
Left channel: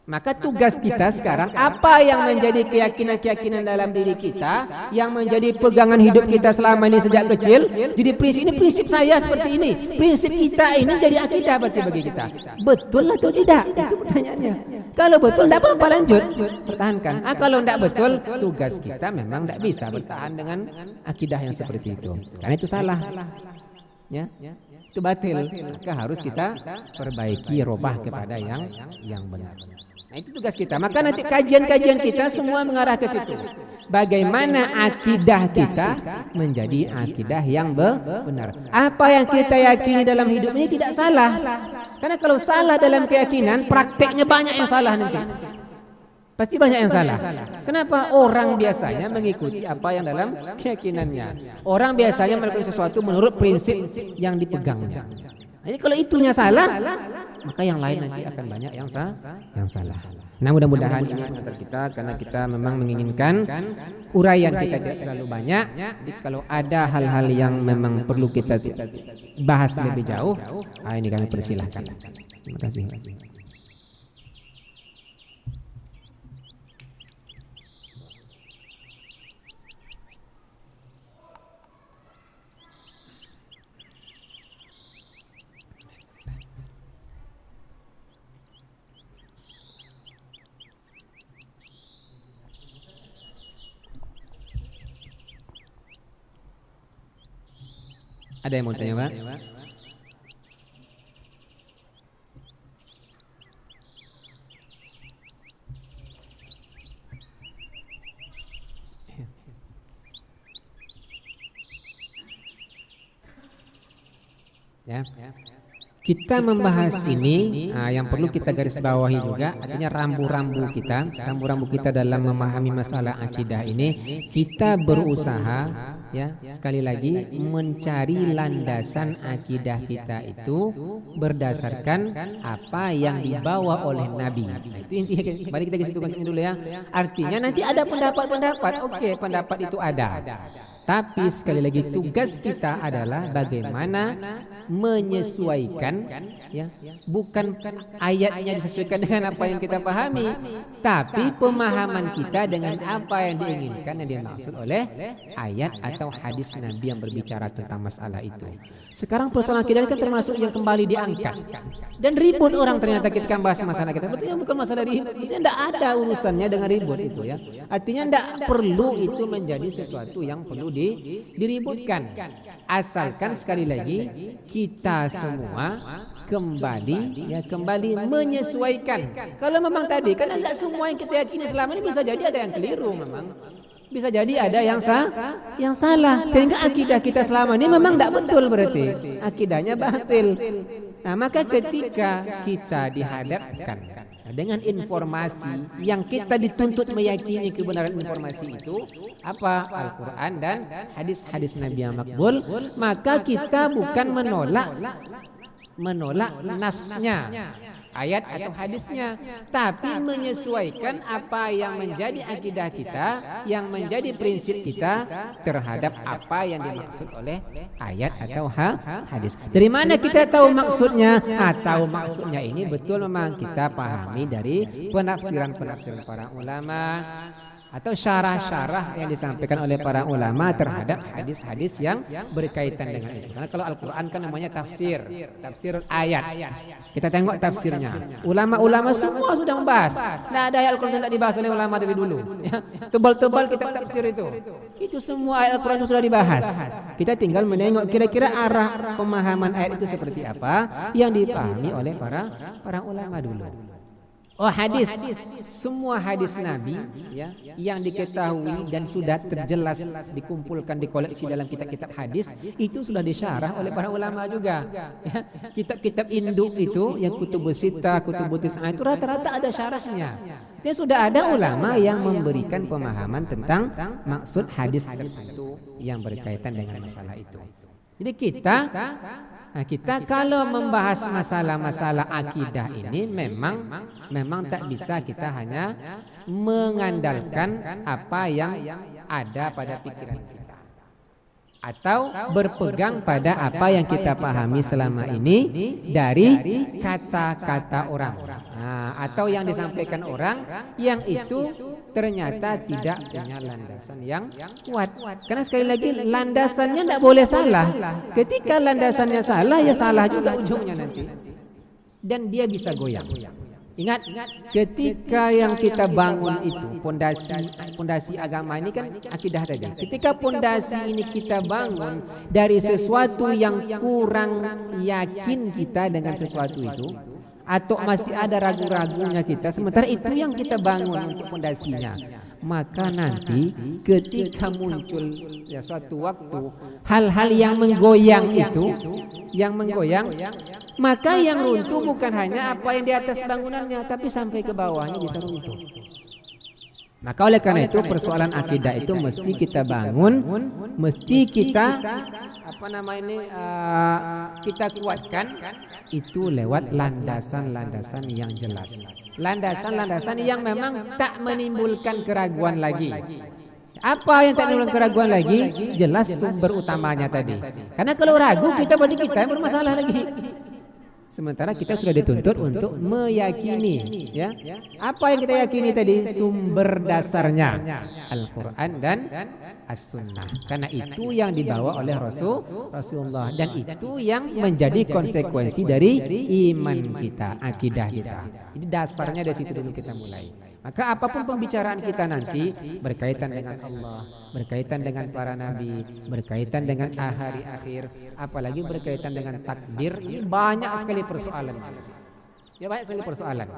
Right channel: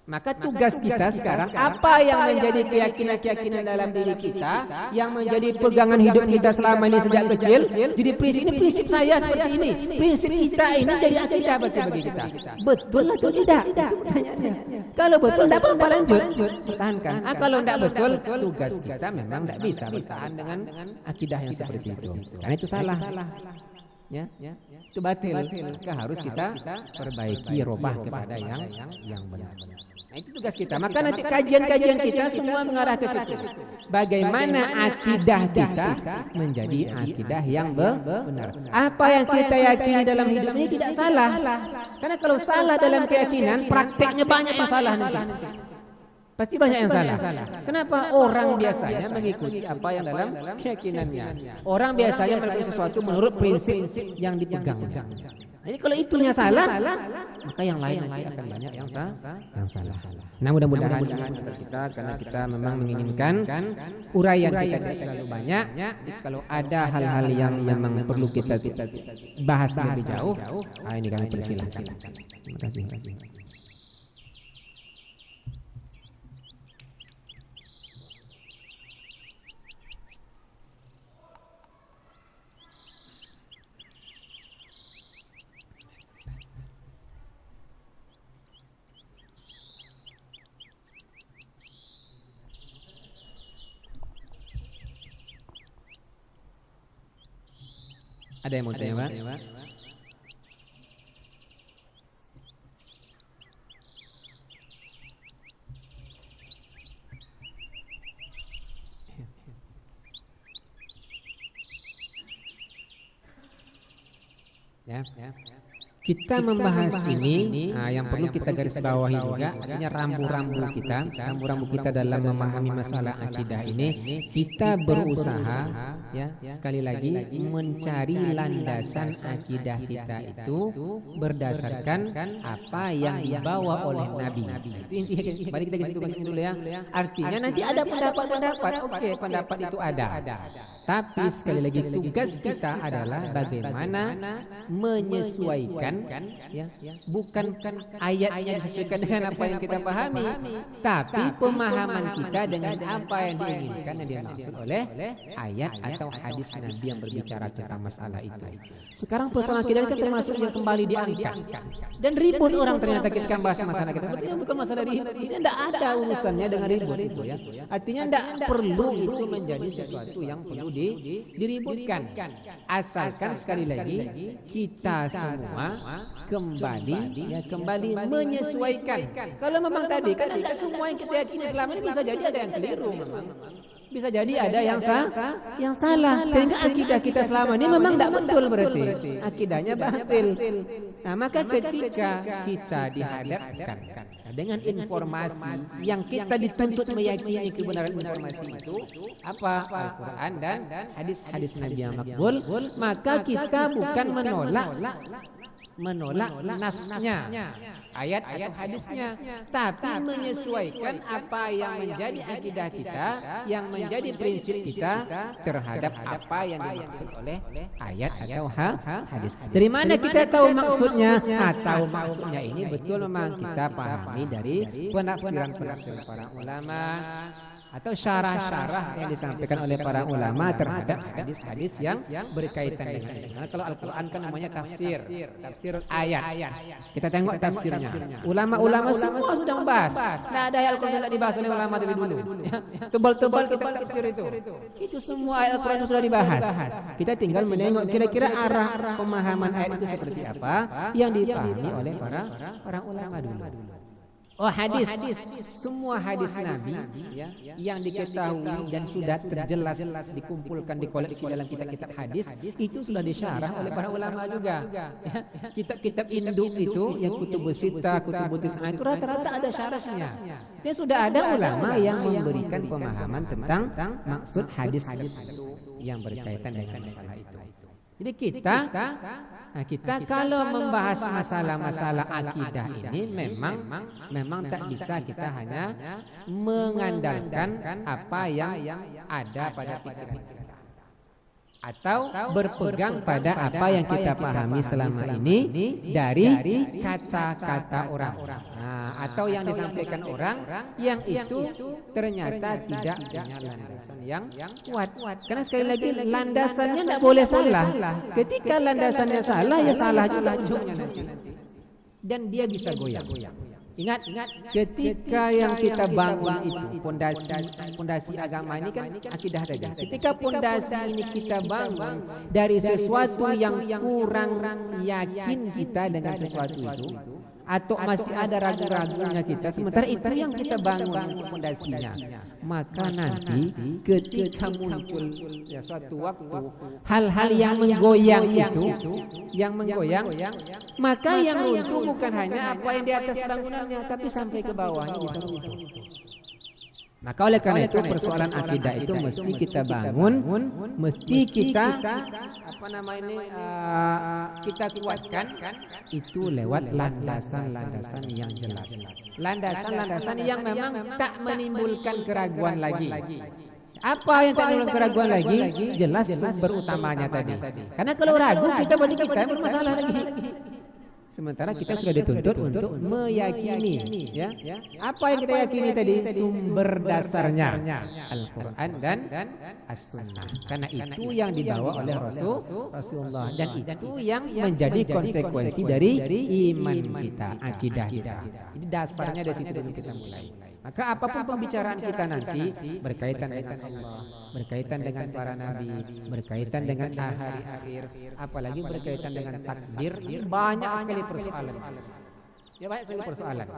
Maka tugas kita sekarang, apa yang menjadi keyakinan-keyakinan dalam diri kita, yang menjadi pegangan hidup kita selama ini sejak kecil. Jadi prinsip saya seperti ini. Prinsip kita ini jadi akidah berarti bagi kita. Betul atau tidak? Itu pertanyaannya. Kalau betul, tidak apa-apa, lanjut. Pertahankan. Kalau tidak betul, tugas kita memang tidak bisa bertahan dengan akidah yang seperti itu. Karena itu salah. Ya, itu batil. Maka harus kita perbaiki, robah kepada yang benar. Nah, itu tugas kita. Maka nanti kajian-kajian kita semua mengarah ke situ. Bagaimana akidah kita menjadi akidah yang benar. Apa yang kita yakini dalam hidup ini tidak salah. Karena kalau salah dalam keyakinan, prakteknya banyak yang salah nanti. Pasti banyak yang salah. Kenapa? Orang biasanya mengikuti apa yang dalam keyakinannya. Orang biasanya melakukan sesuatu menurut prinsip yang dipegangnya. Nah, Jadi kalau itunya salah, maka yang lain nanti akan banyak yang salah. Nah, mudah-mudahan ini mengantar kita, karena kita memang menginginkan uraian kita tidak terlalu banyak. Jadi kalau ada hal-hal yang memang perlu kita bahas lebih jauh, ini kami persilahkan. Terima kasih. Ada yang mau tanya, Pak? Ya. Kita membahas ini, yang perlu kita garis bawahi juga, artinya rambu-rambu kita dalam memahami masalah akidah ini, kita berusaha, ya, sekali lagi mencari landasan akidah kita itu berdasarkan apa yang dibawa oleh Nabi. Nah, itu intinya. Mari kita situkan dulu ya. Artinya nanti ada pendapat-pendapat, oke, pendapat itu ada. Tapi sekali lagi tugas kita adalah bagaimana menyesuaikan, ya, bukan ayatnya disesuaikan dengan apa yang kita pahami, tapi pemahaman kita dengan apa yang diinginkan, yang dimaksud oleh ayat atau hadis Nabi yang berbicara tentang masalah itu. Sekarang persoalan akidah kan termasuk yang kembali diangkat dan ribut orang ternyata ketika bahas masalah kita. Betulnya bukan masalah ribut, tidak ada urusannya dengan ribut itu, ya. Artinya tidak perlu itu menjadi sesuatu yang perlu diributkan, asalkan sekali lagi kita semua kembali menyesuaikan. Kalau memang tadi kan tidak semua yang kita yakini selama ini, bisa jadi ada yang keliru, memang bisa jadi ada yang salah, sehingga akidah kita selama ini memang tidak betul, berarti akidahnya batil. Nah, maka ketika kita dihadapkan dengan informasi yang kita dituntut meyakini kebenaran informasi itu apa, Al-Quran dan hadis-hadis Nabi yang makbul, maka kita bukan menolak nasnya, ayat atau hadisnya, tapi menyesuaikan apa yang menjadi akidah kita, yang menjadi prinsip kita terhadap apa yang dimaksud oleh ayat atau hadis. Dari mana kita tahu maksudnya? Tahu maksudnya ini betul memang kita pahami dari penafsiran-penafsiran para ulama atau syarah-syarah yang disampaikan oleh para ulama terhadap hadis-hadis yang berkaitan dengan itu. Karena kalau Al-Quran kan namanya tafsir ayat. Kita tengok tafsirnya. Ulama-ulama semua sudah membahas. Nah, ada ayat Al-Quran yang tidak dibahas oleh ulama dari dulu. Ya. Tebal-tebal kitab tafsir itu. Itu semua ayat Al-Quran itu sudah dibahas. Kita tinggal menengok kira-kira arah pemahaman ayat itu seperti apa yang dipahami oleh para ulama dulu. Hadis, semua hadis Nabi, ya, yang diketahui dan sudah terjelas dikumpulkan, dikoleksi dalam kitab-kitab hadis, itu sudah disyarah oleh para ulama juga. Ya, kitab-kitab induk itu, yang kutubus sittah, kutubus tis'ah, itu rata-rata ada syarahnya. Dan sudah ada ulama yang memberikan pemahaman tentang maksud hadis-hadis itu yang berkaitan dengan masalah itu. Jadi kita kalau membahas masalah-masalah akidah ini memang tak bisa kita hanya mengandalkan apa yang ada pada pikiran kita atau berpegang pada apa yang kita pahami selama ini dari kata-kata orang, atau yang disampaikan orang yang itu ternyata tidak punya landasan yang kuat. Karena sekali lagi landasannya tidak boleh salah. Ketika landasannya salah, ya salah juga ujungnya nanti. Dan dia bisa goyang. Ingat, ketika yang kita bangun itu pondasi agama ini kan akidah tadi. Ketika pondasi ini kita bangun dari sesuatu yang kurang yakin kita dengan sesuatu itu, atau masih ada ragu-ragunya kita, sementara itu yang kita bangun untuk pondasinya, maka nanti ketika muncul suatu waktu hal-hal yang menggoyang itu, maka yang runtuh bukan hanya apa yang di atas bangunannya, tapi sampai ke bawahnya bisa runtuh. Maka oleh karena itu persoalan akidah itu mesti kita bangun, mesti kita kita kuatkan itu lewat landasan-landasan yang jelas. Landasan-landasan yang memang tak menimbulkan keraguan lagi. Apa yang tak menimbulkan keraguan lagi? Jelas sumber utamanya tadi. Karena kalau ragu kita berarti kita yang bermasalah lagi. Sementara kita sudah dituntut untuk meyakini, ya. Apa yang kita yakini tadi? Sumber dasarnya Al-Quran dan As-Sunnah. Karena itu yang dibawa oleh Rasulullah, dan itu yang menjadi konsekuensi dari iman kita, akidah kita. Jadi dasarnya dari situ dulu kita mulai. Maka apapun pembicaraan kita nanti berkaitan dengan Allah, berkaitan dengan para nabi, berkaitan dengan hari akhir, apalagi berkaitan dengan takdir, ini banyak sekali persoalan. Ya, banyak sekali persoalan.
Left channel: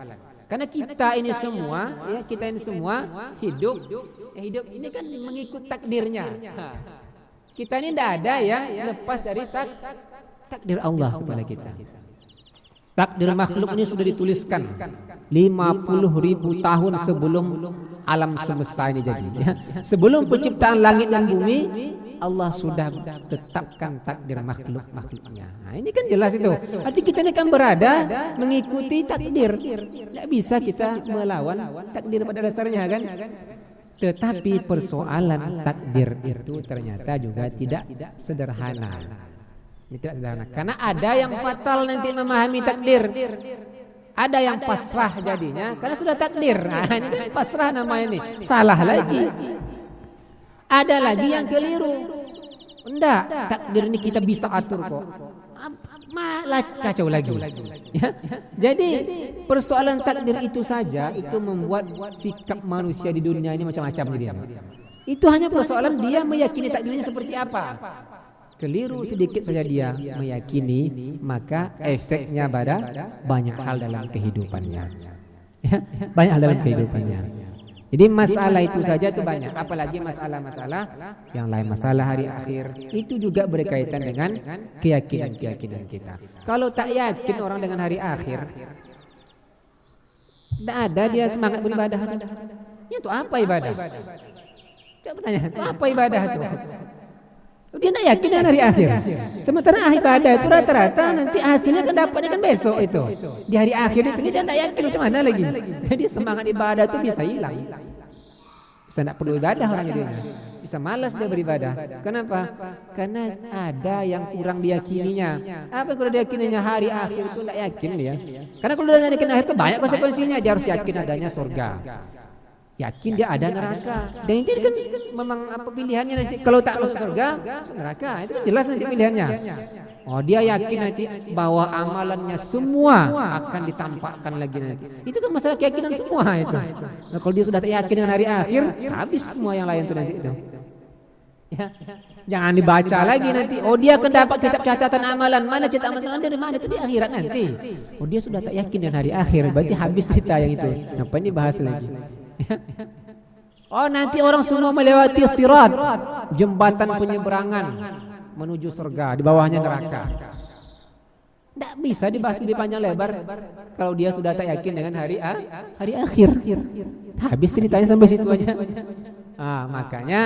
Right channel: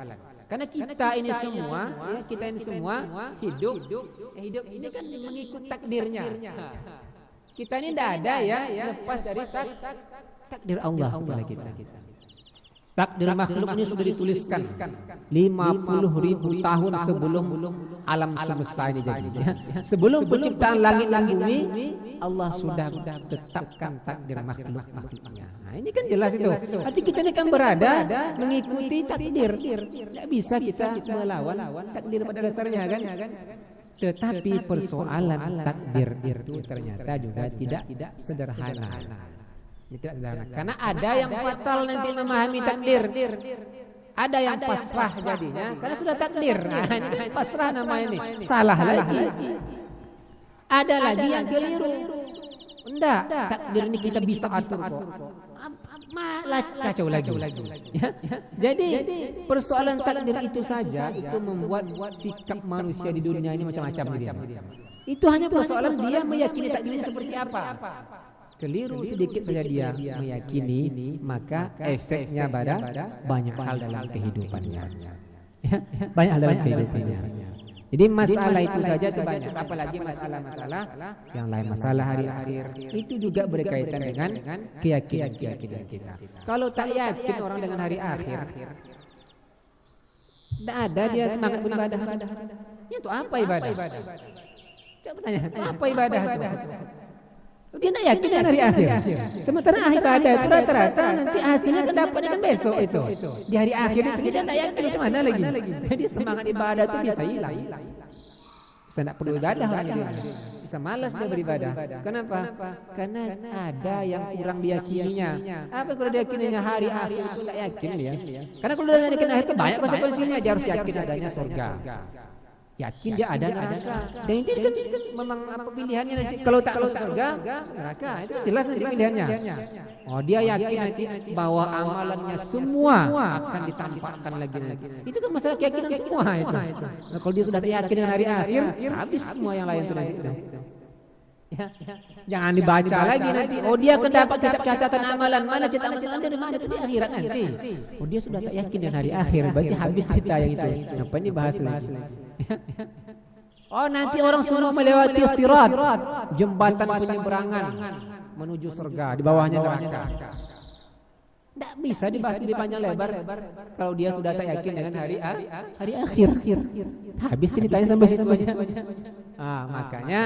Karena kita ini semua, ya, kita ini semua hidup ini kan mengikut takdirnya. Kita ini tidak ada yang lepas dari takdir Allah kepada kita. Takdir makhluk ini sudah dituliskan 50.000 tahun sebelum alam semesta ini jadi, ya. Sebelum penciptaan langit dan bumi, Allah sudah tetapkan takdir makhluknya. Nah, ini kan jelas itu. Arti kita ini kan berada mengikuti takdir. Tidak bisa kita melawan takdir pada dasarnya, kan? Tetapi persoalan takdir itu ternyata juga tidak sederhana. Tidak sederhana. Karena ada yang fatal nanti memahami takdir. Ada yang pasrah jadinya karena sudah takdir. Nah, ini kan pasrah namanya ini. Salah lagi. Ada lagi yang keliru. Enggak, takdir ini kita bisa atur kok. Malah kacau lagi. Ya? Jadi persoalan takdir itu saja itu membuat sikap manusia di dunia ini macam-macam dia. Itu hanya persoalan dia meyakini takdirnya seperti apa. Keliru sedikit saja dia meyakini, maka efeknya pada banyak hal dalam kehidupannya. Ya, banyak hal dalam kehidupannya. Jadi masalah itu saja itu banyak. Apalagi masalah-masalah yang lain, masalah hari akhir, itu juga berkaitan dengan keyakinan kita. Kalau tak yakin orang dengan hari akhir, tidak ada dia semangat beribadah. Itu apa ibadah? Saya bertanya, itu apa ibadah itu? Dia tidak yakin dengan hari akhir. Sementara ibadah itu rata-rata nanti hasilnya kan dapatnya kan besok itu. Di hari akhir itu dia tidak yakin macam mana lagi. Jadi semangat ibadah itu bisa hilang. Bisa tidak perlu ibadah orang itu. Bisa malas dia beribadah. Kenapa? Karena ada yang kurang diyakininya. Apa yang kurang diyakininya? Hari akhir itu tidak yakin dia. Karena kalau dia yakin akhir itu banyak konsekuensinya. Dia harus yakin adanya surga. Yakin dia ada neraka. Dan itu kan memang apa pilihannya nanti. Kalau tak masuk surga, neraka. Itu kan jelas nanti pilihannya. Oh, dia yakin nanti bahwa amalannya semua akan ditampakkan lagi nanti. Itu kan masalah keyakinan semua itu. Nah, kalau dia sudah tak yakin dengan hari akhir, habis semua yang lain itu nanti itu. Ya. Jangan dibaca lagi nanti. Oh, dia akan dapat kitab catatan amalan. Mana catatan amalan dari mana? Itu di akhirat nanti. Oh, dia sudah tak yakin dengan hari akhir, berarti habis cerita yang itu. Ngapain dibahas lagi? Oh, nanti orang semua melewati sirat, jembatan penyeberangan menuju surga, di bawahnya neraka. Tidak bisa dibahas di panjang lebar kalau dia sudah tak yakin dengan hari akhir. Habis ceritanya sampai situ aja. Makanya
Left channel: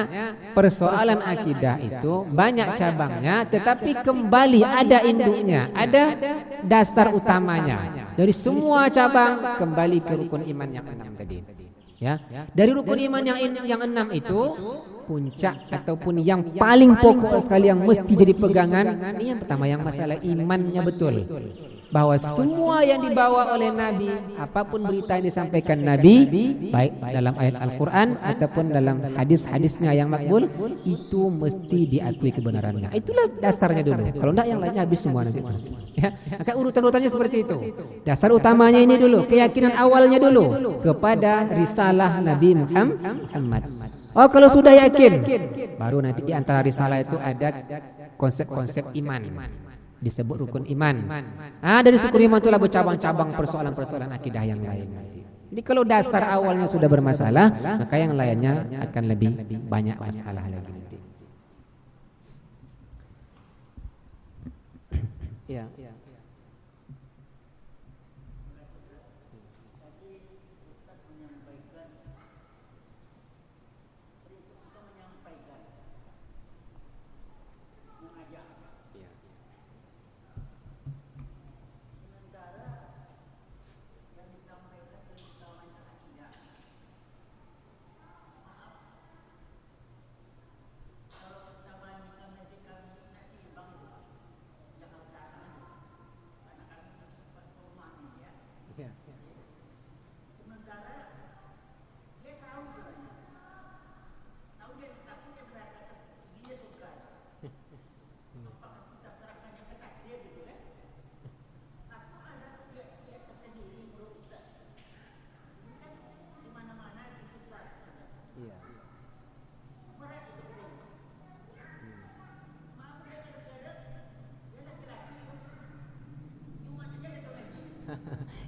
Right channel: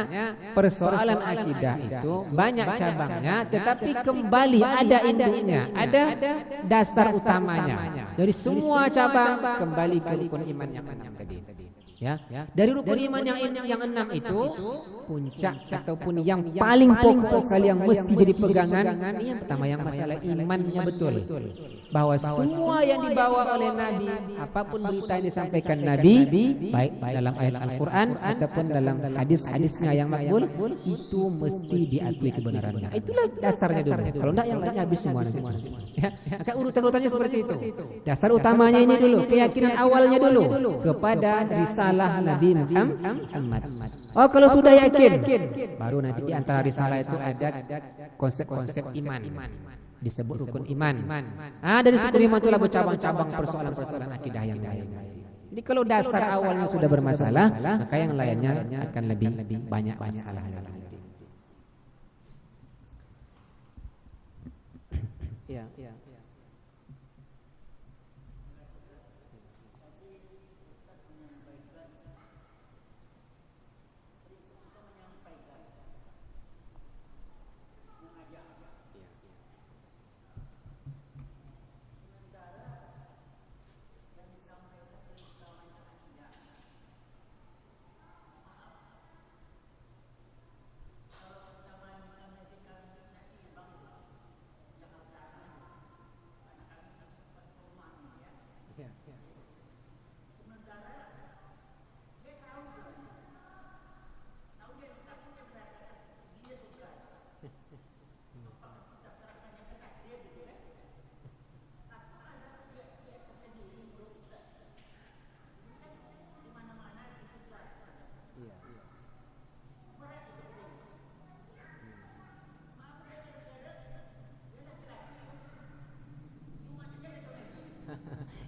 persoalan akidah itu banyak cabangnya, tetapi kembali ada induknya, ada dasar utamanya. Dari semua cabang kembali ke rukun iman yang 6 tadi. Ya, dari rukun iman yang 6 itu puncak ataupun yang paling pokok sekali yang mesti jadi pegangan, ini yang pertama, yang masalah imannya betul. Bahwa semua yang dibawa oleh Nabi, apapun berita yang disampaikan Nabi, baik dalam ayat Al-Quran ataupun dalam hadis-hadisnya yang makbul, itu mesti diakui kebenarannya. Itulah dasarnya dulu. Kalau tidak yang lainnya habis semua nanti. Ya, maka urutan-urutannya seperti itu. Dasar utamanya ini dulu, keyakinan awalnya dulu kepada risalah Nabi Muhammad. Oh, kalau sudah yakin, baru nanti di antara risalah itu ada konsep-konsep iman. Disebut rukun iman. Dari rukun iman itulah bercabang-cabang persoalan-persoalan akidah yang lain. Jadi kalau dasar awalnya sudah bermasalah, maka yang lainnya akan lebih banyak masalah lagi. Ya.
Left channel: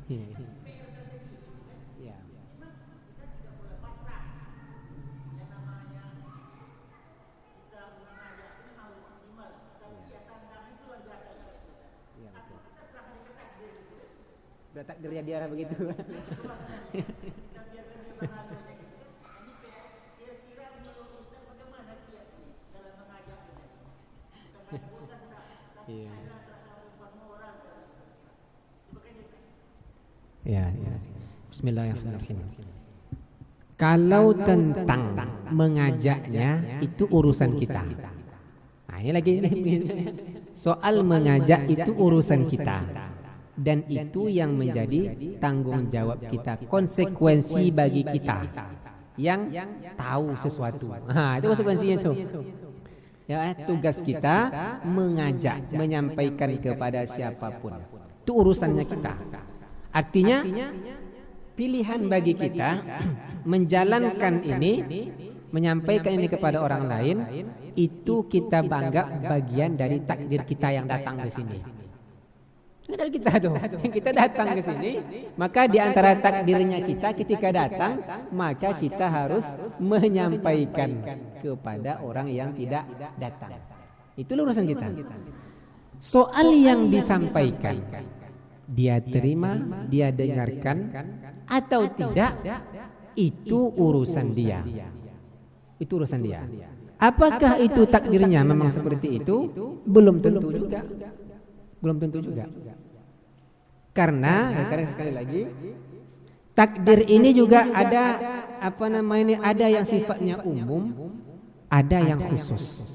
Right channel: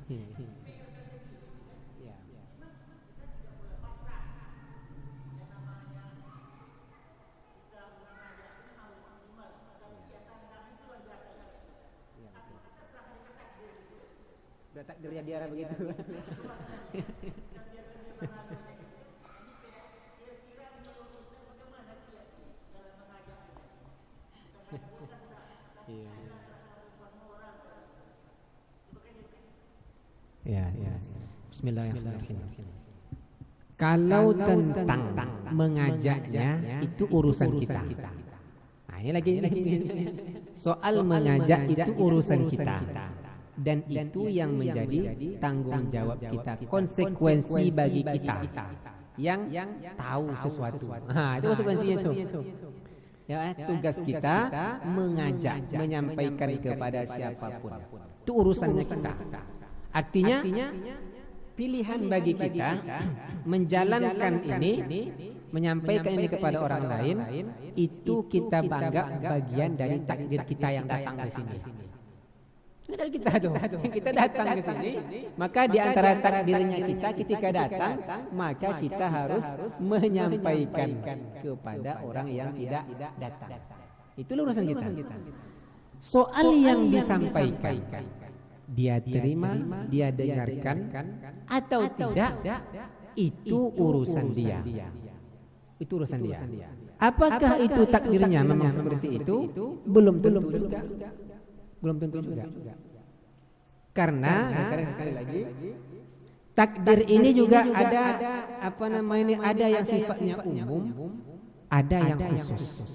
Ya. Udah takdirnya dia begitu. Iya. Ya, ya. Bismillahirrahmanirrahim. Kalau tentang mengajaknya itu urusan kita. Nah, ini lagi soal mengajak itu urusan kita. Dan itu yang menjadi tanggung jawab kita, konsekuensi bagi kita yang tahu sesuatu. Nah, itu konsekuensinya itu. Ya, tugas kita mengajak, menyampaikan kepada siapapun. Itu urusannya kita. Artinya pilihan bagi kita menjalankan ini, menyampaikan ini kepada orang lain, itu kita bangga bagian dari takdir kita yang datang ke sini. Ini dari kita tuh, kita datang ke sini, maka di antara takdirnya kita ketika datang, maka kita harus menyampaikan kepada orang yang tidak datang. Itu urusan kita. Soal yang disampaikan, dia terima, dia dengarkan atau tidak, itu urusan dia. Itu urusan dia. Apakah itu takdirnya memang seperti itu? Belum tentu juga. Belum tentu juga. Karena sekali lagi takdir ini juga ada ada yang sifatnya umum, ada yang khusus.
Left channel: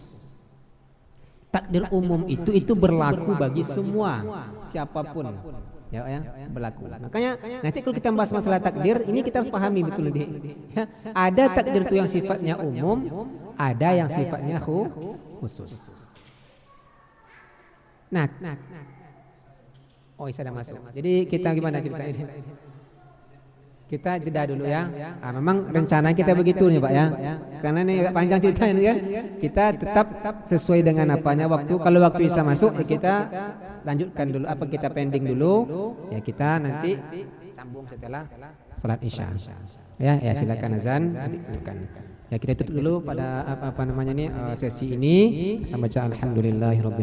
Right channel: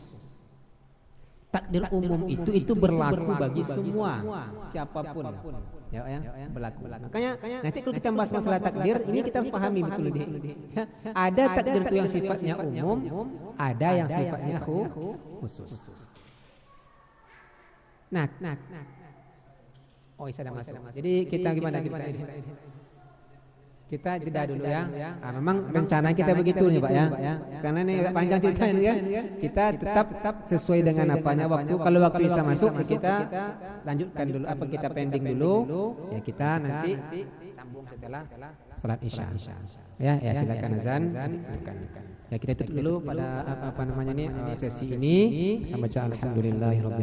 Takdir umum itu berlaku bagi semua, siapapun. Ya, berlaku. Makanya nanti kalau kita bahas masalah takdir, ini kita harus pahami betul nih. Ya, ada takdir itu yang sifatnya umum, ada yang sifatnya khusus. Nah, oh, sudah masuk. Jadi kita gimana cerita ini? Kita jeda dulu ya. Memang rencana kita begitu nih Pak ya. Karena ini panjang cerita ini ya. Kita tetap sesuai dengan apanya waktu. Kalau waktu bisa masuk ya kita lanjutkan dulu. Apa kita pending dulu? Ya kita nanti sambung setelah sholat isya. Ya silakan azan. Ya kita tutup dulu pada sesi ini. Sampai alhamdulillahirabbil